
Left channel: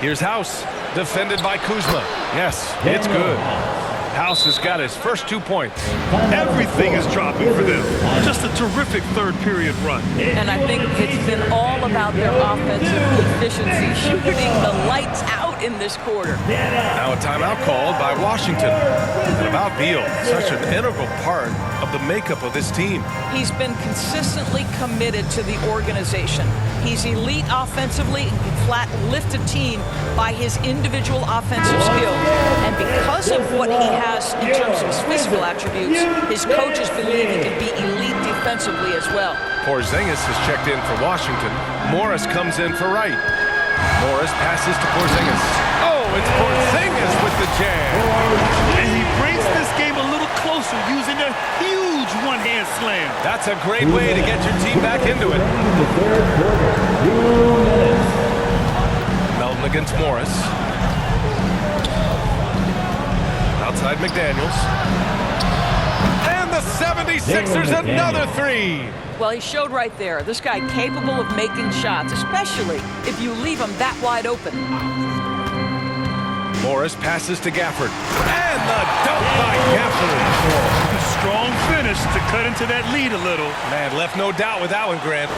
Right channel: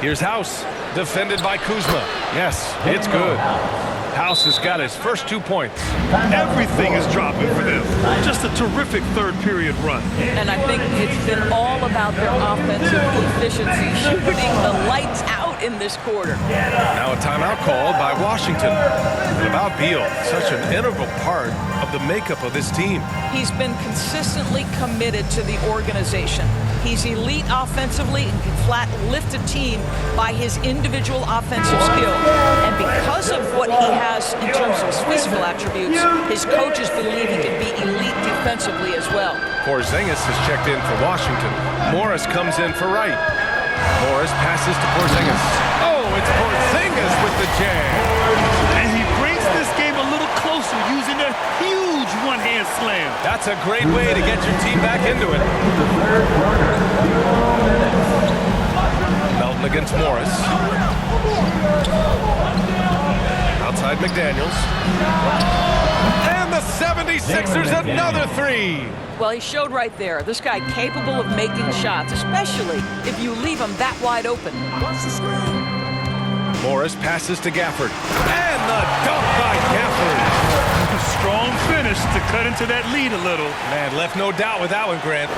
Here's House, defended by Kuzma. Yes, it's good. House has got his first 2 points. Everything is dropping for them. Just a terrific third period run. And I think it's been all about their offensive efficiency, shooting the lights out in this quarter. Now a timeout called by Washington. And about Beal, such an integral part of the makeup of this team. He's been consistently committed to the organization. He's elite offensively and can flat lift a team by his individual offensive skill. And because of what he has in terms of his physical attributes, his coaches believe he can be elite defensively as well. Porzingis has checked in for Washington. Morris comes in for Wright. Morris passes to Porzingis. Oh, it's Porzingis with the jam. And he brings this game a little closer using a huge one-hand slam. That's a great way to get your team back into it. The third quarter, 2 minutes. Melton against Morris. Outside McDaniels. And the 76ers another three. Well, he showed right there. This guy capable of making shots, especially if you leave him that wide open. Morris passes to Gafford. And the dunk by Gafford. Strong finish to cut into that lead a little. Man, left no doubt with that one, Grant.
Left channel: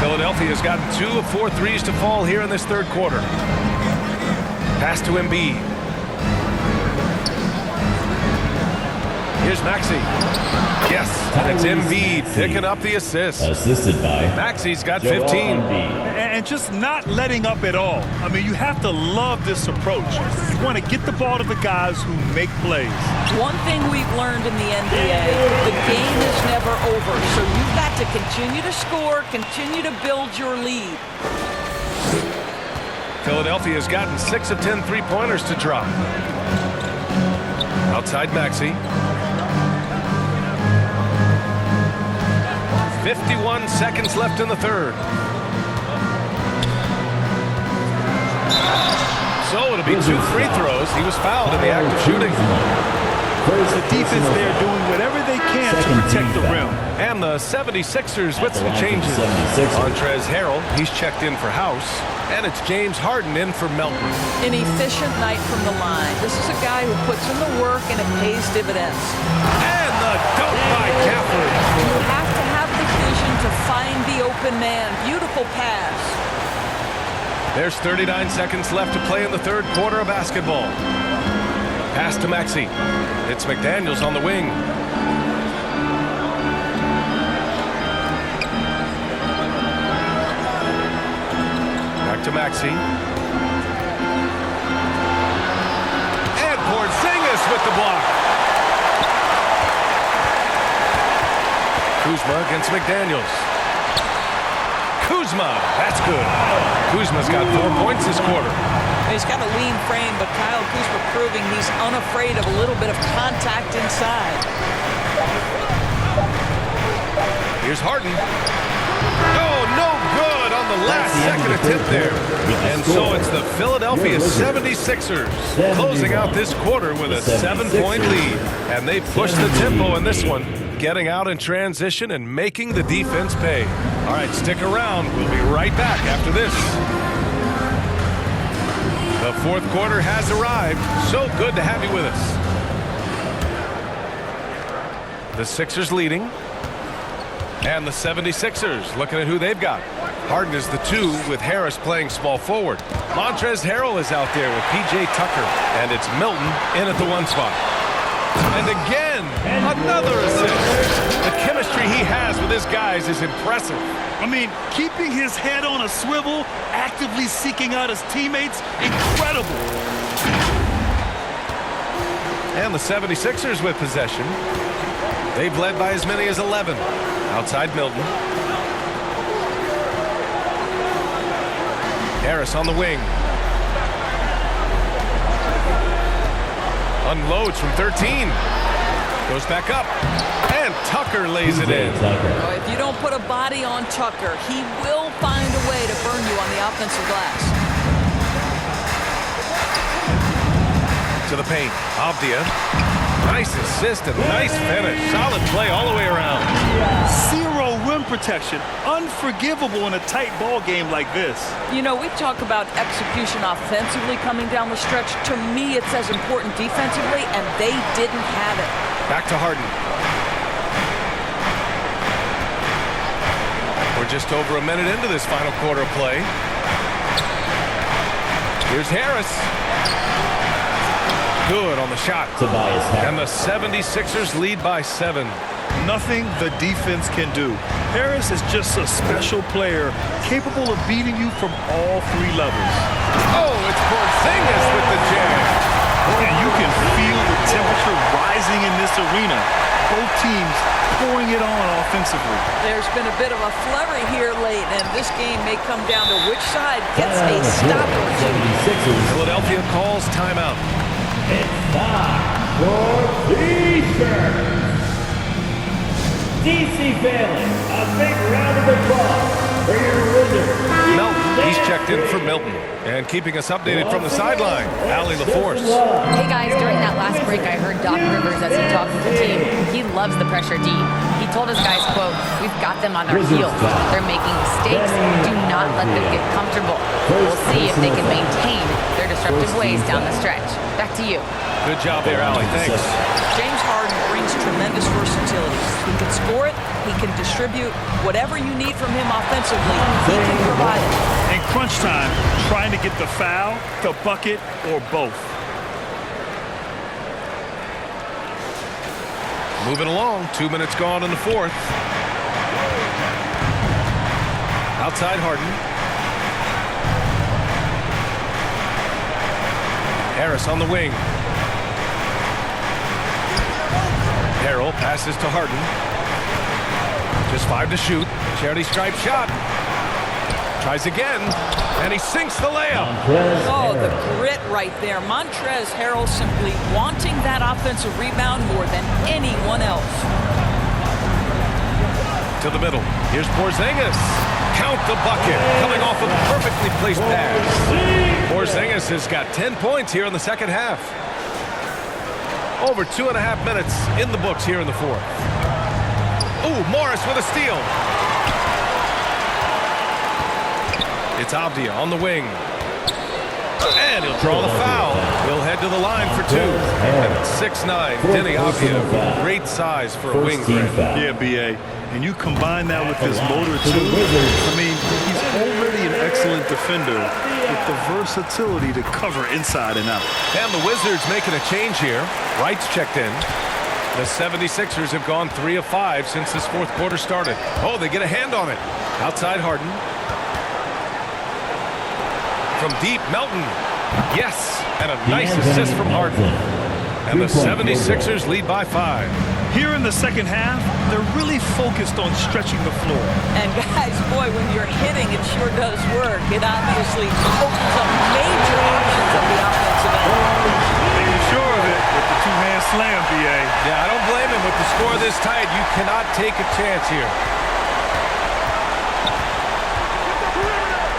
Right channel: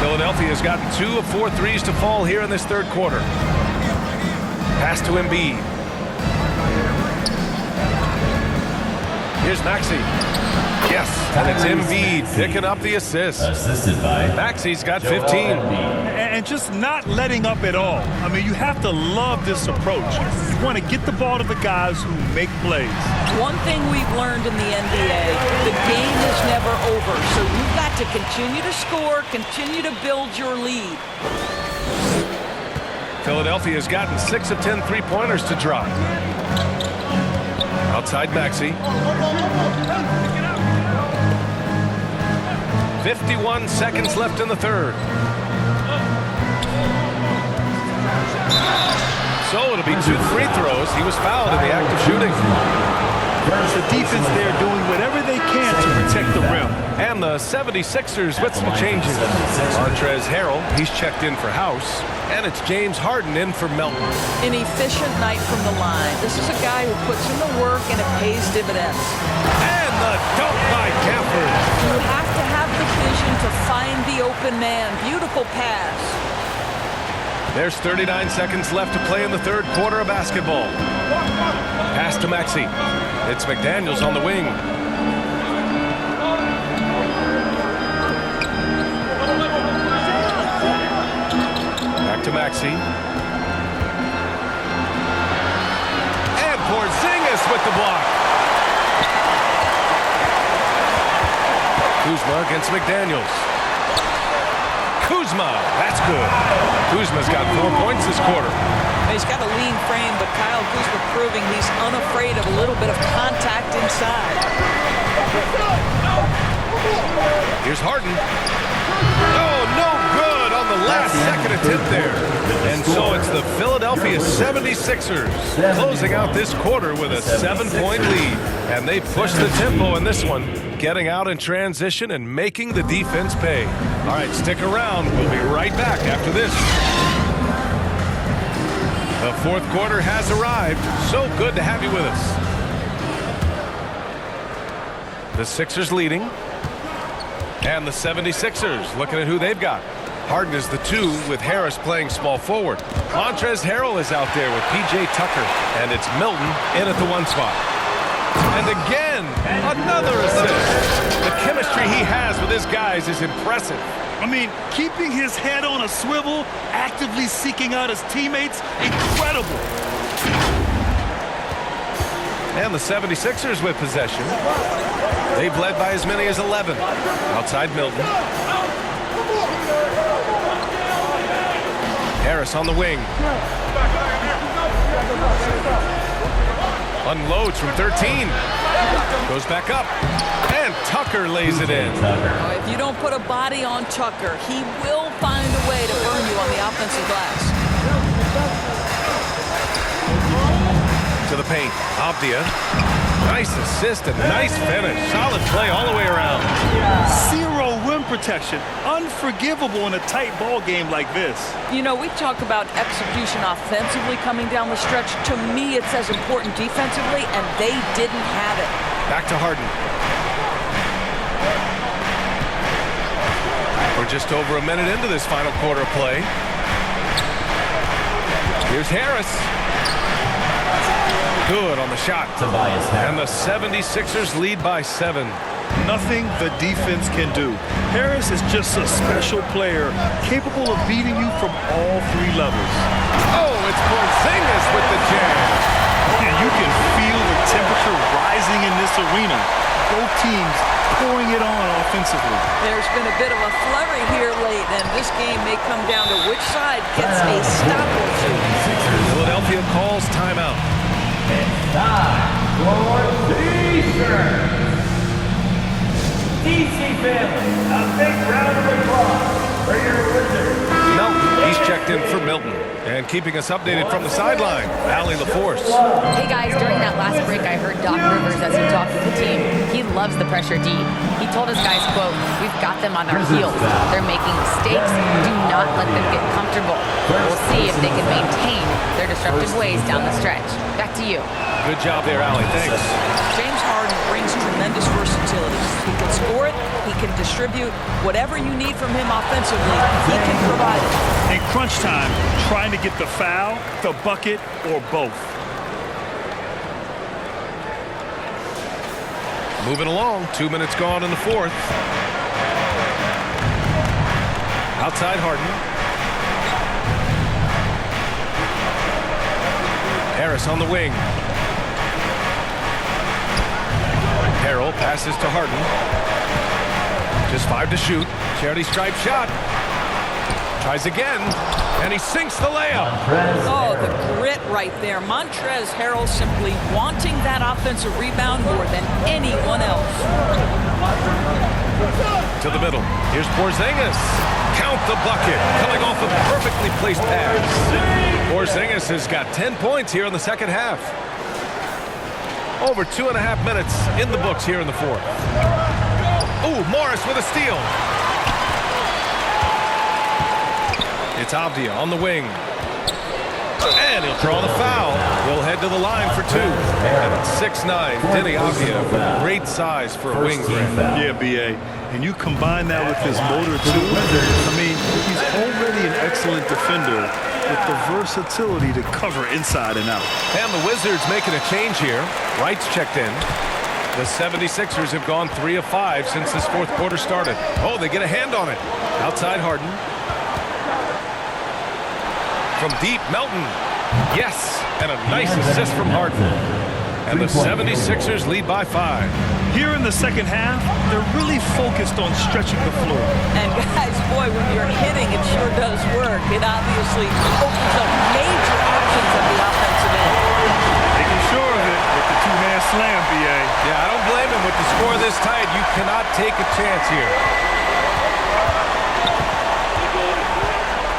Philadelphia has gotten 2 of 4 threes to fall here in this third quarter. Pass to Embiid. Here's Maxey. Yes, and it's Embiid picking up the assist. Assisted by Maxey's got 15. And just not letting up at all. I mean, you have to love this approach. You want to get the ball to the guys who make plays. One thing we've learned in the NBA, the game is never over. So you've got to continue to score, continue to build your lead. Philadelphia has gotten 6 of 10 three-pointers to drop. Outside Maxey. 51 seconds left in the third. So it'll be 2 free throws. He was fouled in the act of shooting. The defense there doing whatever they can to protect the rim. And the 76ers with some changes. Montrezl Harrell, he's checked in for House. And it's James Harden in for Melton. An efficient night from the line. This is a guy who puts in the work and it pays dividends. And the dunk by Gafford. You have to have the vision to find the open man. Beautiful pass. There's 39 seconds left to play in the third quarter of basketball. Pass to Maxey. It's McDaniels on the wing. Back to Maxey. And Porzingis with the block. Kuzma against McDaniels. Kuzma, that's good. Kuzma's got 4 points this quarter. He's got a lean frame, but Kyle Kuzma proving he's unafraid of a little bit of contact inside. Here's Harden. Oh, no good on the last second attempt there. And so it's the Philadelphia 76ers closing out this quarter with a 7-point lead. And they push the tempo in this one, getting out in transition and making the defense pay. All right, stick around. We'll be right back after this. The fourth quarter has arrived. So good to have you with us. The Sixers leading. And the 76ers looking at who they've got. Harden is the 2 with Harris playing small forward. Montrezl Harrell is out there with P.J. Tucker. And it's Milton in at the 1 spot. And again, another assist. The chemistry he has with his guys is impressive. I mean, keeping his head on a swivel, actively seeking out his teammates, incredible. And the 76ers with possession. They've led by as many as 11. Outside Milton. Harris on the wing. Unloads from 13. Goes back up. And Tucker lays it in. Oh, if you don't put a body on Tucker, he will find a way to burn you on the offensive glass. To the paint. Abdia. Nice assist and nice finish. Solid play all the way around. Zero rim protection. Unforgivable in a tight ball game like this. You know, we talk about execution offensively coming down the stretch. To me, it's as important defensively, and they didn't have it. Back to Harden. We're just over a minute into this final quarter of play. Here's Harris. Good on the shot. And the 76ers lead by 7. Nothing the defense can do. Harris is just a special player, capable of beating you from all 3 levels. Oh, it's Porzingis with the jam. And you can feel the temperature rising in this arena. Both teams pouring it on offensively. There's been a bit of a flurry here late, and this game may come down to which side gets a stop or two. Philadelphia calls timeout. It's time for T-shirts. DC family, a big round of applause for your Wizards. Melton, he's checked in for Milton. And keeping us updated from the sideline, Allie LaForce. Hey guys, during that last break, I heard Doc Rivers as he talked with the team. He loves the pressure D. He told his guys, quote, "We've got them on their heels. They're making mistakes. Do not let them get comfortable. We'll see if they can maintain their disruptive ways down the stretch." Back to you. Good job there, Allie. Thanks. James Harden brings tremendous versatility. He can score it, he can distribute. Whatever you need from him offensively, he can provide it. In crunch time, trying to get the foul, the bucket, or both. Moving along, 2 minutes gone in the fourth. Outside Harden. Harris on the wing. Harrell passes to Harden. Just 5 to shoot. Charity stripe shot. Tries again, and he sinks the layup. Oh, the grit right there. Montrezl Harrell simply wanting that offensive rebound more than anyone else. To the middle. Here's Porzingis. Count the bucket. Coming off a perfectly placed pass. Porzingis has got 10 points here in the second half. Over 2.5 minutes in the books here in the fourth. Ooh, Morris with a steal. It's Abdia on the wing. And he'll draw the foul. He'll head to the line for 2. And it's 6'9", Denny Abdia with great size for a wing grab. Yeah, B.A. And you combine that with his motor, too. I mean, he's already an excellent defender with the versatility to cover inside and out. And the Wizards making a change here. Wright's checked in. The 76ers have gone 3 of 5 since this fourth quarter started. Oh, they get a hand on it. Outside Harden. From deep, Melton. Yes, and a nice assist from Harden. And the 76ers lead by 5. Here in the second half, they're really focused on stretching the floor. And guys, boy, when you're hitting, it sure does work. It obviously opens up major options at the offensive end. Making sure of it with the two-hand slam, B.A. Yeah, I don't blame him. With the score this tight, you cannot take a chance here.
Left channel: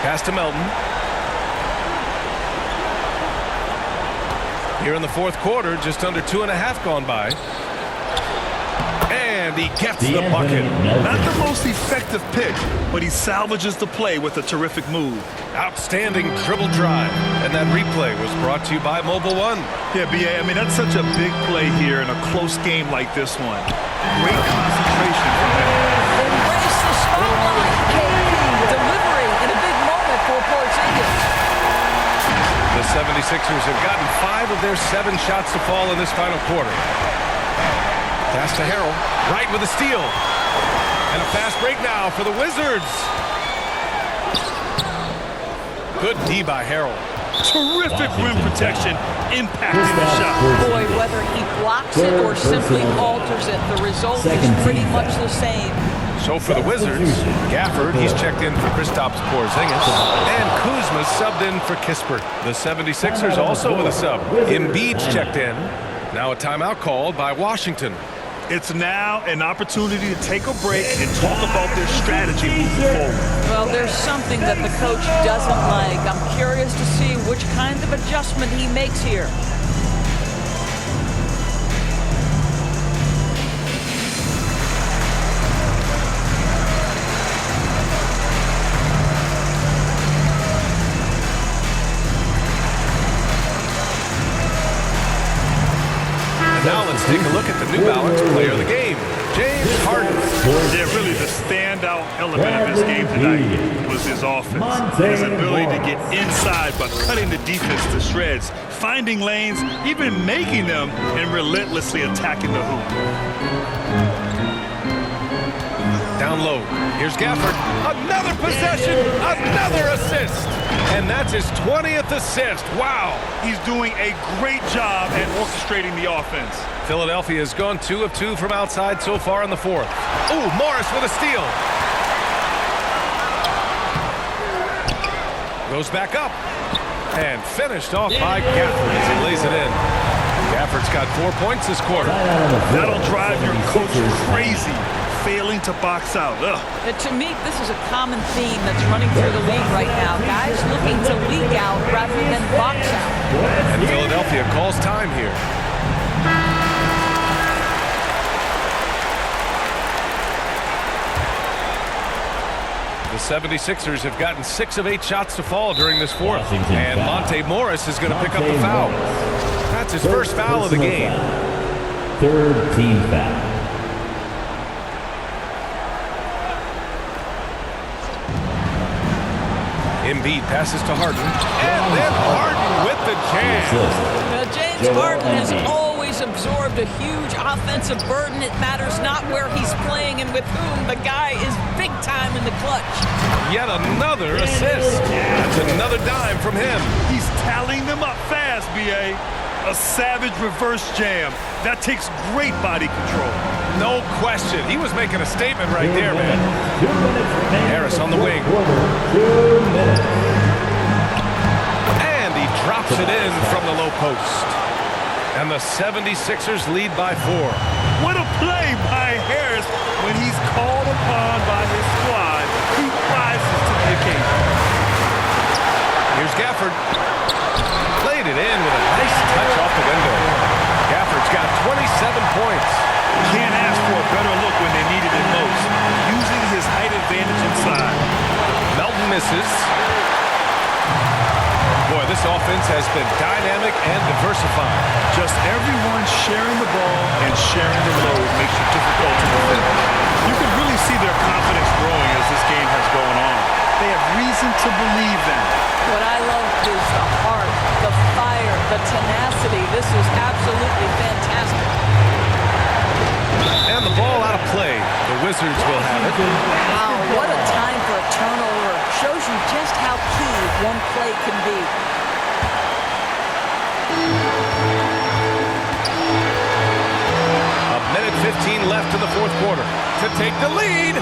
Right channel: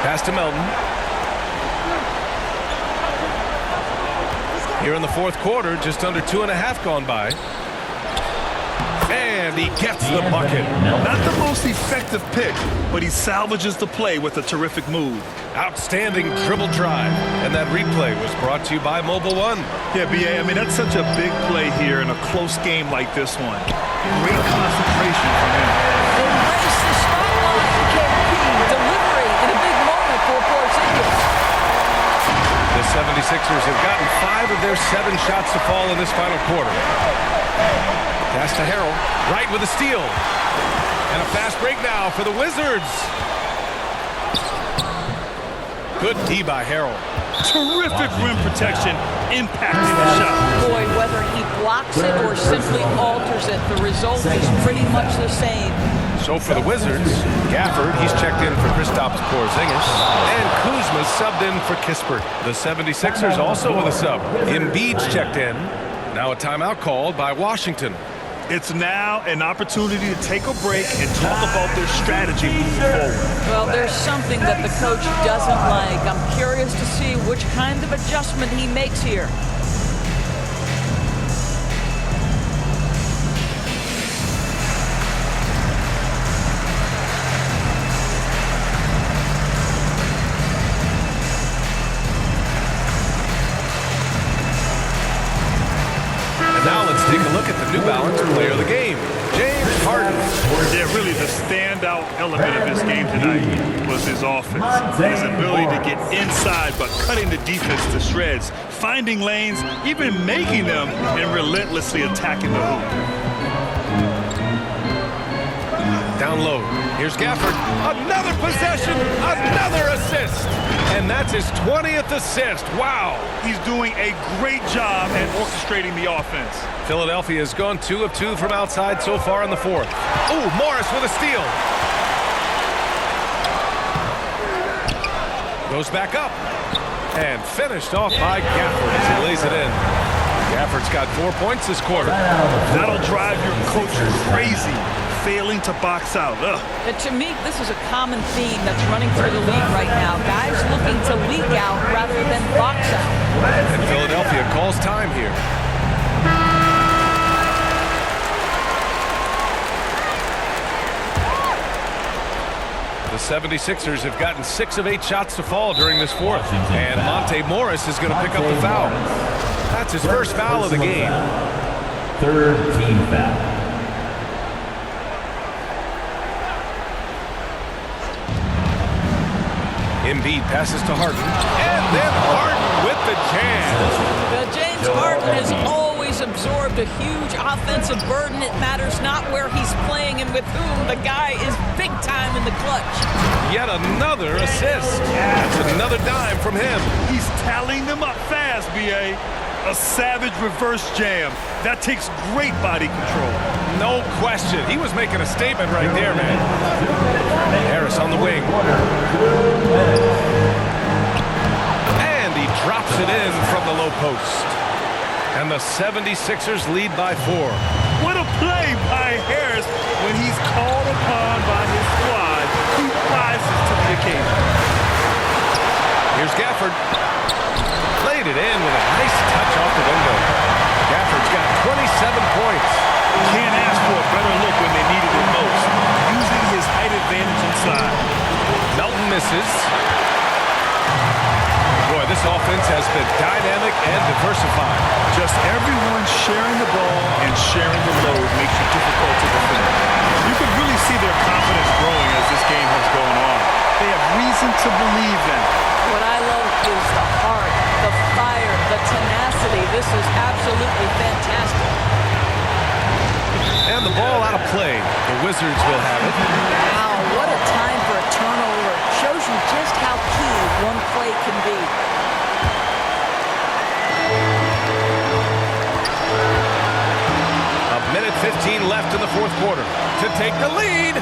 Pass to Melton. Here in the fourth quarter, just under 2.5 gone by. And he gets the bucket. Not the most effective pick, but he salvages the play with a terrific move. Outstanding dribble drive. And that replay was brought to you by Mobile One. Yeah, B.A., I mean, that's such a big play here in a close game like this one. Great concentration from him. Embrace the spotlight, KP. Delivery in a big moment for Porzingis. The 76ers have gotten 5 of their 7 shots to fall in this final quarter. Pass to Harrell. Wright with a steal. And a fast break now for the Wizards. Good D by Harrell. Terrific rim protection, impacting the shot. Boy, whether he blocks it or simply alters it, the result is pretty much the same. So for the Wizards, Gafford, he's checked in for Kristaps Porzingis, and Kuzma's subbed in for Kispert. The 76ers also with a sub. Embiid's checked in. Now a timeout called by Washington. It's now an opportunity to take a break and talk about their strategy moving forward. Well, there's something that the coach doesn't like. I'm curious to see which kind of adjustment he makes here. Now let's take a look at the New Balance player of the game, James Harden. Yeah, really the standout element of his game tonight was his offense. His ability to get inside but cutting the defense to shreds, finding lanes, even making them, and relentlessly attacking the hoop. Down low, here's Gafford. Another possession, another assist. And that's his 20th assist. Wow. He's doing a great job at orchestrating the offense. Philadelphia has gone 2 of 2 from outside so far in the fourth. Oh, Morris with a steal. Goes back up. And finished off by Gafford as he lays it in. Gafford's got 4 points this quarter. That'll drive your coach crazy. Failing to box out. To me, this is a common theme that's running through the league right now. Guys looking to leak out rather than box out. And Philadelphia calls time here. The 76ers have gotten 6 of 8 shots to fall during this fourth. And Monte Morris is going to pick up the foul. That's his first foul of the game. Third team foul. Embiid passes to Harden, and then Harden with the jam. James Harden has always absorbed a huge offensive burden. It matters not where he's playing and with whom. The guy is big time in the clutch. Yet another assist. That's another dime from him. He's tallying them up fast, B.A. A savage reverse jam. That takes great body control. No question. He was making a statement right there, man. Harris on the wing. And he drops it in from the low post. And the 76ers lead by 4. What a play by Harris. When he's called upon by his squad, he rises to the occasion. Here's Gafford. Laid it in with a nice touch off the window. Gafford's got 27 points. Can't ask for a better look when they needed it most. Using his height advantage inside. Melton misses. Boy, this offense has been dynamic and diversified. Just everyone sharing the ball and sharing the load makes you difficult to defend. You can really see their confidence growing as this game has gone on. They have reason to believe that. What I love is the heart, the fire, the tenacity. This is absolutely fantastic. And the ball out of play. The Wizards will have it. Wow, what a time for a turnover. Shows you just how key one play can be. A minute 15 left in the fourth quarter to take the lead.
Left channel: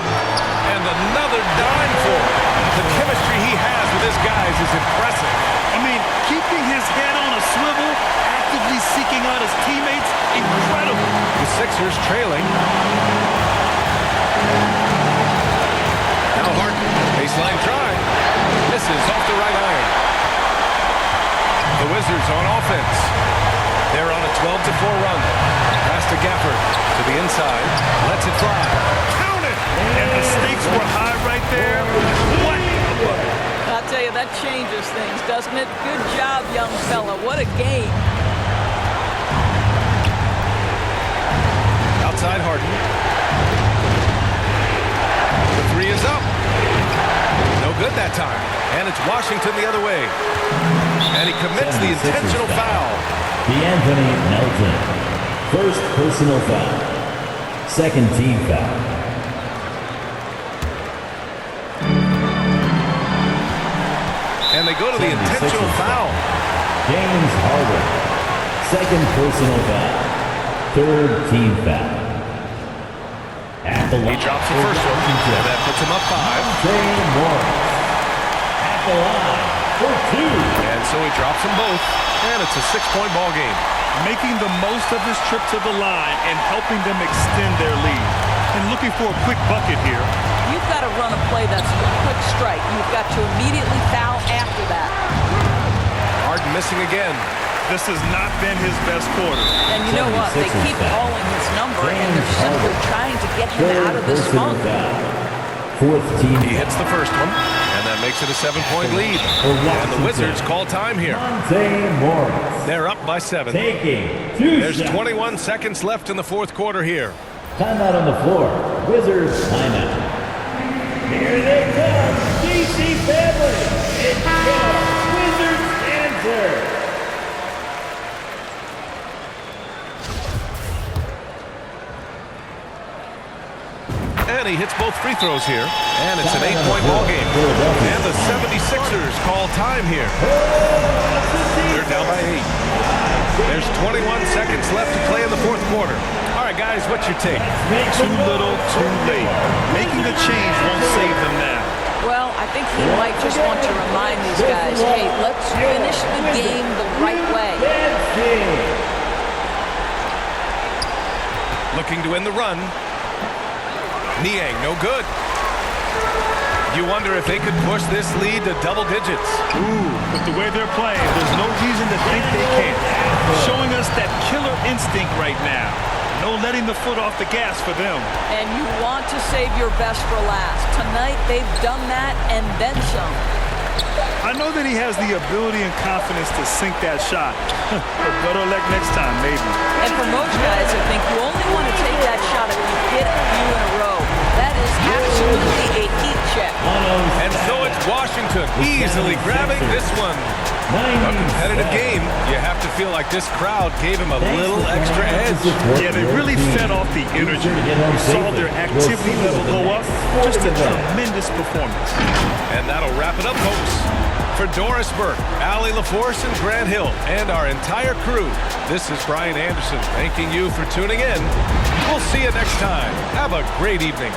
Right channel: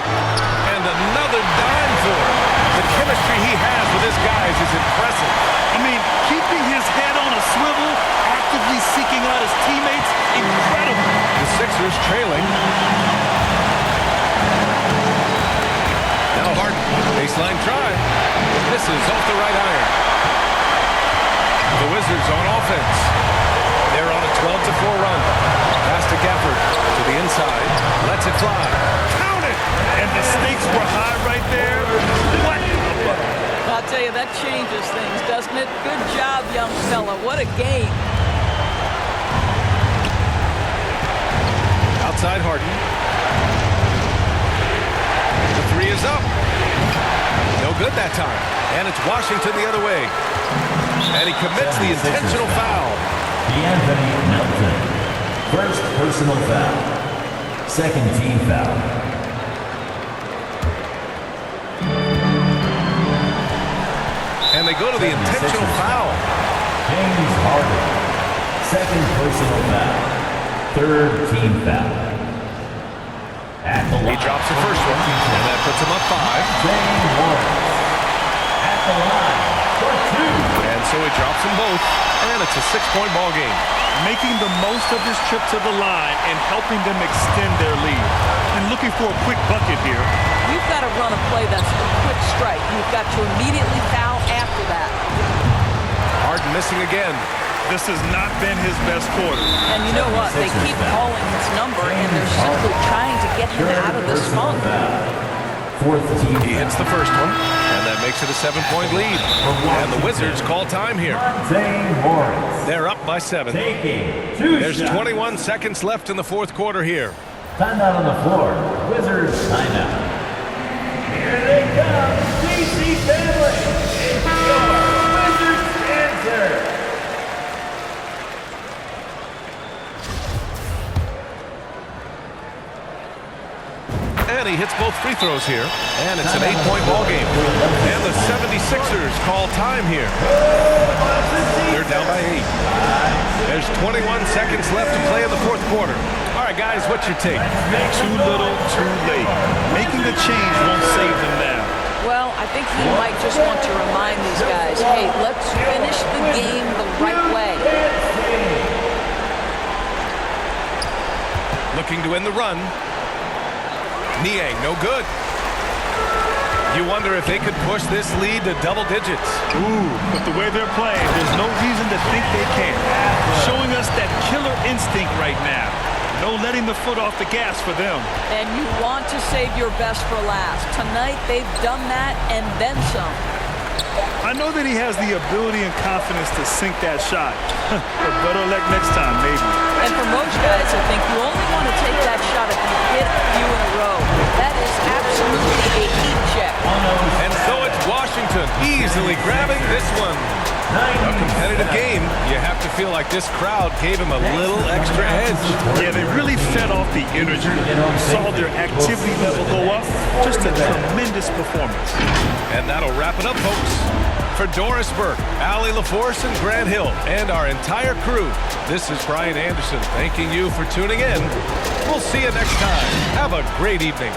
And another dime for him. The chemistry he has with his guys is impressive. I mean, keeping his head on a swivel, actively seeking out his teammates, incredible. The Sixers trailing. Now Harden, baseline try. Misses off the right iron. The Wizards on offense. They're on a 12-4 run. Pass to Gafford to the inside. Lets it fly. Count it! And the stakes were high right there. What a bucket. I'll tell you, that changes things, doesn't it? Good job, young fella. What a game. Outside Harden. The three is up. No good that time. And it's Washington the other way. And he commits the intentional foul. D'Anthony Melton. First personal foul. Second team foul. And they go to the intentional foul. James Harden. Second personal foul. Third team foul. He drops the first one, and that puts him up 5. At the line for 2. And so he drops them both, and it's a 6-point ball game. Making the most of his trip to the line and helping them extend their lead. And looking for a quick bucket here. You've got to run a play that's a quick strike. You've got to immediately foul after that. Harden missing again. This has not been his best quarter. And you know what? They keep calling his number, and they're simply trying to get him out of this funk. He hits the first one, and that makes it a 7-point lead. And the Wizards call time here. They're up by 7. There's 21 seconds left in the fourth quarter here. Timeout on the floor. Wizards timeout. Here they come, DC family. It's your Wizards answer. And he hits both free throws here. And it's an 8-point ball game. And the 76ers call time here. They're down by 8. There's 21 seconds left to play in the fourth quarter. All right, guys, what's your take? Too little, too late. Making a change won't save them now. Well, I think he might just want to remind these guys, hey, let's finish the game the right way. Looking to end the run. Niang, no good. You wonder if they could push this lead to double digits. Ooh, but the way they're playing, there's no reason to think they can't. Showing us that killer instinct right now. No letting the foot off the gas for them. And you want to save your best for last. Tonight, they've done that and then some. I know that he has the ability and confidence to sink that shot. But better luck next time, maybe. And for most guys, I think you only want to take that shot if you've hit a few in a row. That is absolutely a heat check. And so it's Washington easily grabbing this one. A competitive game. You have to feel like this crowd gave him a little extra edge. Yeah, they really fed off the energy. You saw their activity level go up. Just a tremendous performance. And that'll wrap it up, folks. For Doris Burke, Allie LaForce, and Grant Hill, and our entire crew, this is Brian Anderson thanking you for tuning in. We'll see you next time. Have a great evening.